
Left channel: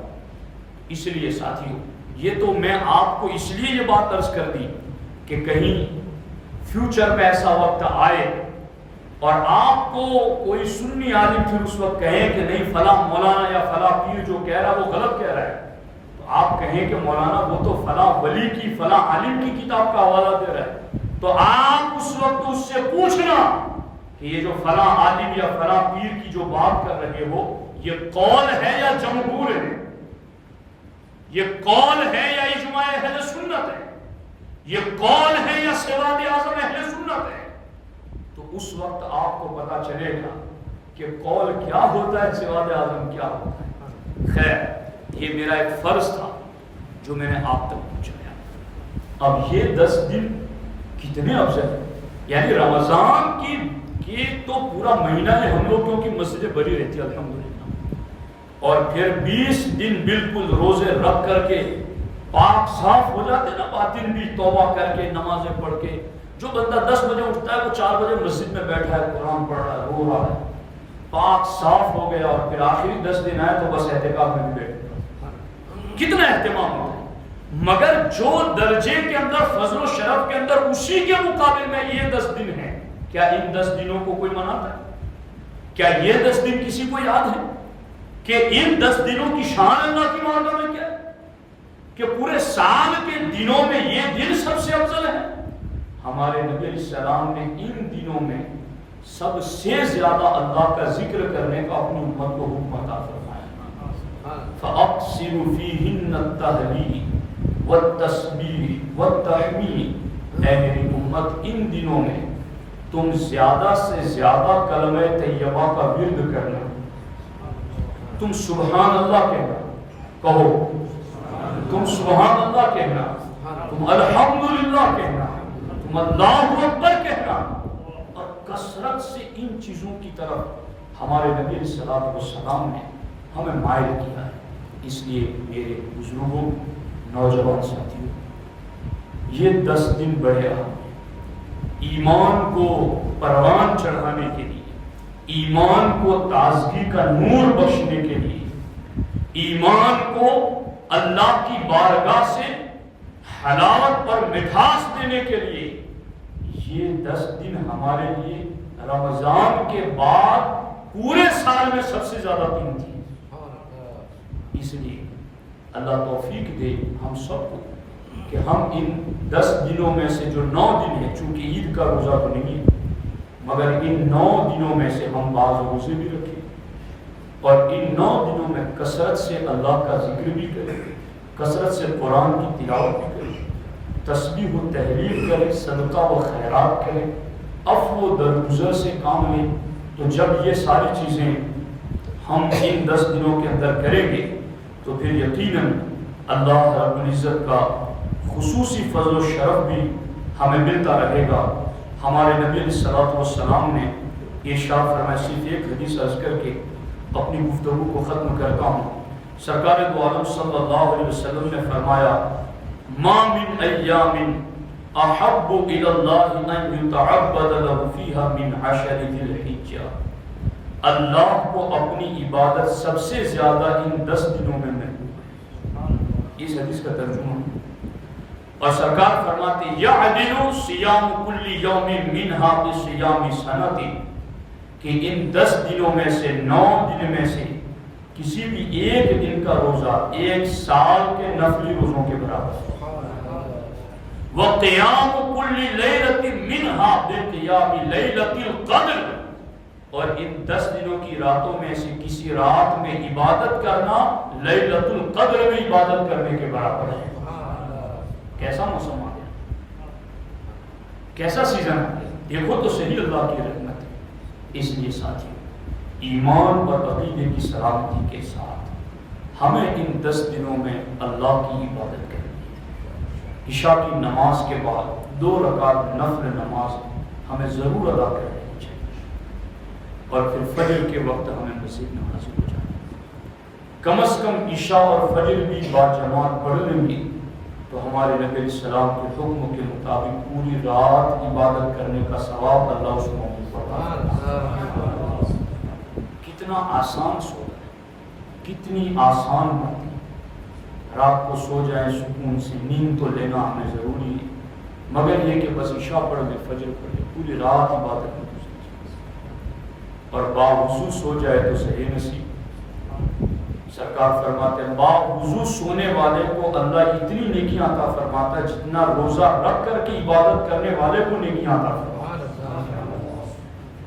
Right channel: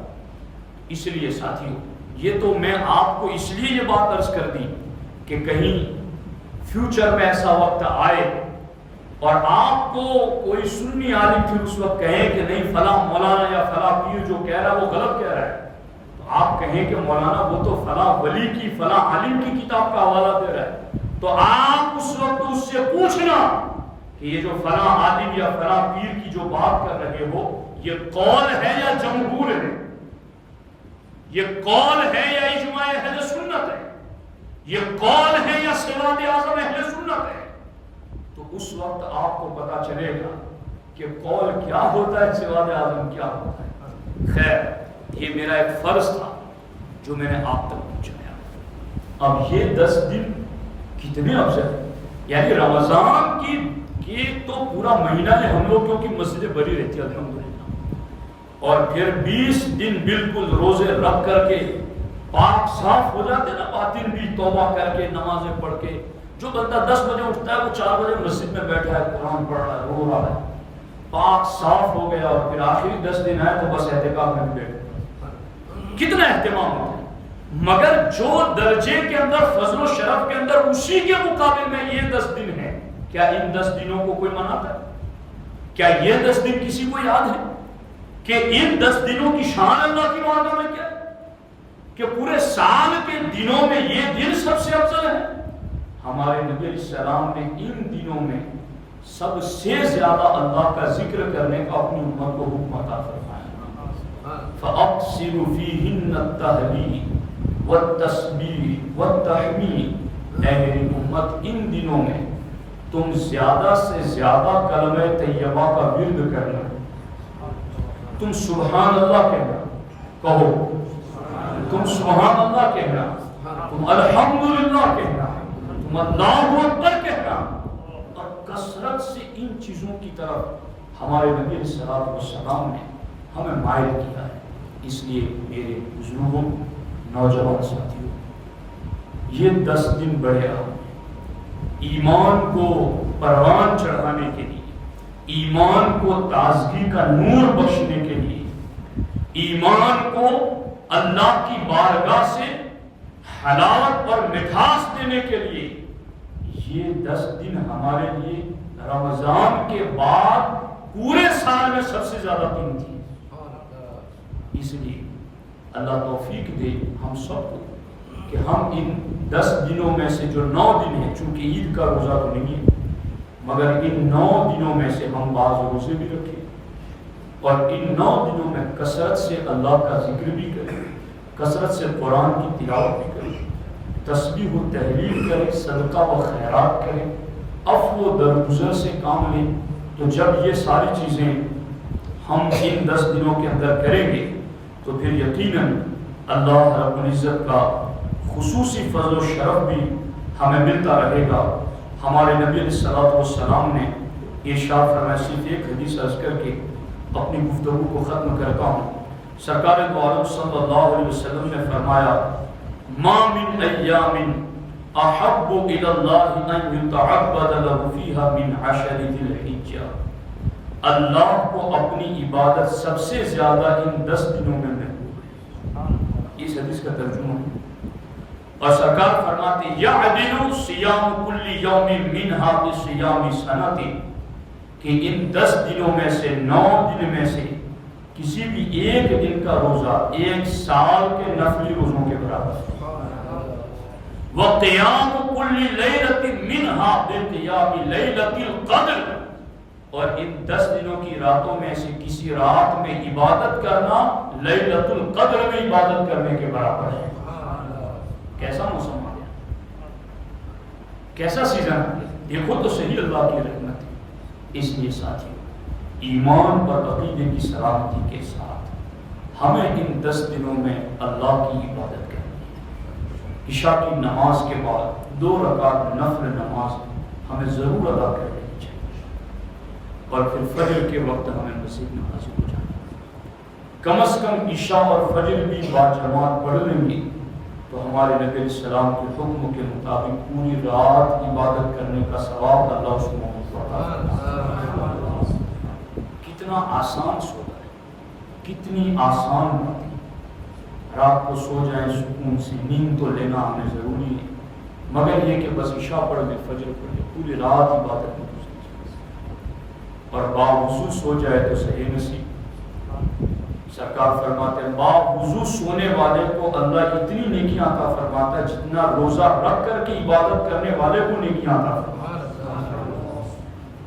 اس لیے ساتھیوں، یہ تو میں آپ کو اس لیے یہ بات عرض کر دی کہ کہیں فیوچر میں ایسا وقت آئے اور آپ کو کوئی سنی عالم پھر اس وقت کہیں کہ نہیں فلاں مولانا یا فلاں پیر جو کہہ رہا ہے وہ غلط کہہ رہا ہے، تو آپ کہیں کہ مولانا وہ تو فلاں ولی کی فلاں عالم کی کتاب کا حوالہ دے رہا ہے، تو آپ اس وقت اس سے پوچھنا کہ یہ جو فلاں عالم یا فلاں پیر کی جو بات کر رہے ہو یہ قول ہے یا جمہور ہے، یہ قول ہے یا اجماع اہل سنت ہے، یہ قول ہے یا سواد اعظم اہل سنت ہے؟ تو اس وقت آپ کو پتا چلے گا کہ قول کیا ہوتا ہے، سواد اعظم کیا ہوتا ہے۔ خیر، یہ میرا ایک فرض تھا جو میں نے آپ تک پہنچایا۔ اب یہ 10 دن کتنے افضل ہیں، یعنی رمضان کی تو پورا مہینہ ہے ہم لوگ، کیونکہ مسجدیں بھری رہتی ہے الحمدللہ، اور پھر 20 دن بالکل روزے رکھ کر کے پاک صاف ہو جاتے نا، باطن بھی توبہ کر کے نمازیں پڑھ کے۔ جو بندہ 10 بجے اٹھتا ہے وہ 4 بجے مسجد میں بیٹھا ہے، قرآن پڑھ رہا ہے، رو رہا ہے، پاک صاف ہو گیا، اور پھر آخری 10 دن آئے تو بس اعتکاف میں بھی بیٹھے، کتنا اہتمام ہوتا ہے۔ مگر جو درجے کے اندر فضل و شرف کے اندر اسی کے مقابل میں یہ 10 دن ہے، کیا ان 10 دنوں کو کوئی مناتا ہے؟ کیا یہ 10 دن کسی کو یاد ہے کہ ان 10 دنوں کی شان اللہ کی بارگاہ میں کیا ہے، کہ پورے سال کے دنوں میں یہ دن سب سے افضل ہے؟ ہمارے نبی علیہ السلام نے ان دنوں میں سب سے زیادہ اللہ کا ذکر کرنے کا اپنی امت کو حکم عطا فرمایا، فَأَقْصِرُ فِيهِنَّ التَّهْلِيلَ وَالتَّسْبِيحَ وَالتَّحْمِيدَ، اے میری امت ان دنوں میں تم زیادہ سے زیادہ کلمہ طیبہ کا ورد کرنا، تم سبحان اللہ کہنا، کہو تم سبحان اللہ کہنا، تم الحمدللہ کہنا، تم اللہ اکبر کہنا، اور کثرت سے ان چیزوں کی طرف ہمارے نبی علیہ السلام نے ہمیں مائل کیا ہے۔ اس لیے میرے بزرگوں، نوجوان ساتھیوں، یہ 10 دن بڑے اہم ہیں، ایمان کو پروان چڑھانے کے لیے، ایمان کو تازگی کا نور بخشنے کے لیے، ایمان کو اللہ کی بارگاہ سے حلاوت اور مٹھاس دینے کے لیے، یہ 10 دن ہمارے لیے رمضان کے بعد پورے سال میں سب سے زیادہ قیمتی ہے۔ اس لیے اللہ توفیق دے ہم سب کو کہ ہم ان 10 دنوں میں سے جو 9 دن ہیں، چونکہ عید کا روزہ تو نہیں ہے، مگر ان 9 دنوں میں سے ہم بعض روزے بھی رکھیں، اور ان 9 دنوں میں کثرت سے اللہ کا ذکر بھی کریں، کثرت سے قرآن کی تلاوت بھی کریں، تسبیح و تحلیل کریں، صدقہ و خیرات کریں، عفو و درگزر سے کام لیں۔ تو جب یہ ساری چیزیں ہم ان 10 دنوں کے اندر کریں گے تو پھر یقیناً اللہ رب العزت کا خصوصی فضل و شرف بھی ہمیں ملتا رہے گا۔ ہمارے نبی علیہ السلام نے ارشاد فرمایا، صرف ایک حدیث عرض کر کے اپنی گفتگو کو ختم کرتا ہوں۔ سرکار دو عالم صلی اللہ علیہ وسلم نے فرمایا، ما من ایام احب الی اللہ ان یتعبد له فیہا من 10 ذی الحجہ، اللہ کو اپنی عبادت سب سے زیادہ ان 10 دنوں میں محبوب ہے۔ اس حدیث کا ترجمہ ہے، اور سرکار فرماتے یعدل صیام کل یوم منہا بصیام سنۃ، کہ ان 10 دنوں میں سے 9 دن میں سے کسی بھی ایک دن کا روزہ 1 سال کے نفلی روزوں کے برابر ہے۔ وَقِيَامُ كُلِّ لَيْلَةٍ مِّنْهَا بِقِيَامِ لَيْلَةِ الْقَدْرِ، اور ان 10 دنوں کی راتوں میں سے کسی رات میں عبادت کرنا لیلۃ القدر میں عبادت کرنے کے برابر ہے۔ کیسا موسم آ گیا، کیسا سیزن آ گیا، دیکھو تو صحیح اللہ کی رحمت ہے۔ اس لیے ساتھیوں، ایمان اور عقیدے کی سلامتی کے ساتھ ہمیں ان 10 دنوں میں اللہ کی عبادت کرنی ہے۔ عشاء کی نماز کے بعد 2 رکعت نفل نماز ہمیں ضرور ادا کر لینی چاہیے، اور پھر فجر کے وقت ہمیں مسجد میں حاضر ہو جانا ہے۔ کم از کم عشاء اور فجر بھی باجماعت پڑھ لیں گے تو ہمارے نبی علیہ السلام کے حکم کے مطابق پوری رات عبادت کرنے کا ثواب اللہ اس کو کتنا آسان سونا ہے، کتنی آسان بات ہے۔ رات کو سو جائیں سکون سے، نیند تو لینا ہمیں ضروری ہے، مگر یہ کہ بس عشاء پڑھ لیں، فجر پڑھ لیں، پوری رات عبادت میں گزر جائے اور باوضو سو جائے تو صحیح نصیب۔ سرکار فرماتے ہیں باوضو سونے والے کو اللہ اتنی نیکیاں عطا فرماتا ہے جتنا روزہ رکھ کر کے عبادت کرنے والے کو نیکیاں عطا فرماتا ہے۔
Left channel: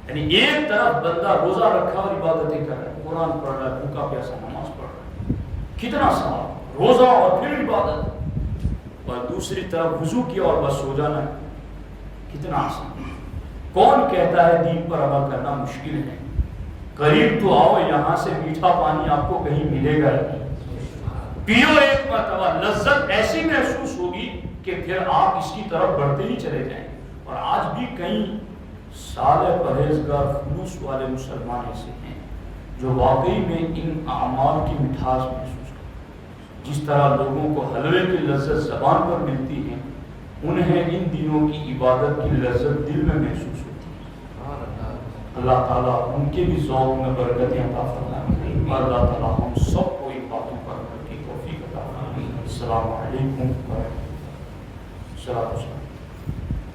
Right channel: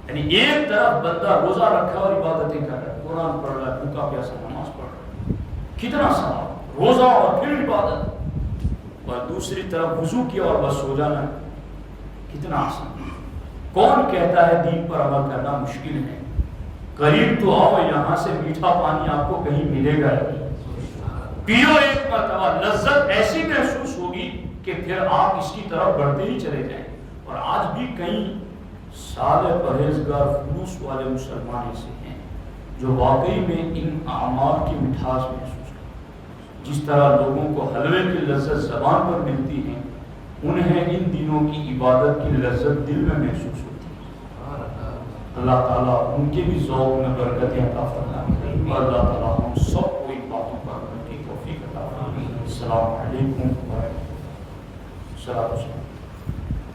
یعنی ایک طرف بندہ روزہ رکھا اور عبادتیں کر رہا ہے، قرآن پڑھ رہا ہے، بھوکا پیاسا نماز پڑھ رہا ہے، کتنا ثواب، روزہ اور پھر عبادت، اور دوسری طرف وضو کیا اور بس سو جانا ہے، کتنا آسان۔ کون کہتا ہے دین پر عمل کرنا مشکل ہے؟ قریب تو آؤ، یہاں سے میٹھا پانی آپ کو کہیں ملے گا نہیں، پیو ایک مرتبہ، لذت ایسی محسوس ہوگی کہ پھر آپ اس کی طرف بڑھتے ہی چلے جائیں۔ اور آج بھی کئی سالے پرہیزگار خلوص والے مسلمان ایسے ہیں جو واقعی میں ان اعمال کی مٹھاس محسوس کرتے ہیں۔ جس طرح لوگوں کو حلوے کی لذت زبان پر ملتی ہے، انہیں ان دنوں کی عبادت کی لذت دل میں محسوس ہوتی ہے۔ اللہ تعالیٰ ان کے بھی ذوق میں برکتیں عطا فرمائے، اور اللہ تعالیٰ ہم سب کو ان باتوں پر عمل کی توفیق عطا فرمائے۔ السلام علیکم ورحمۃ اللہ۔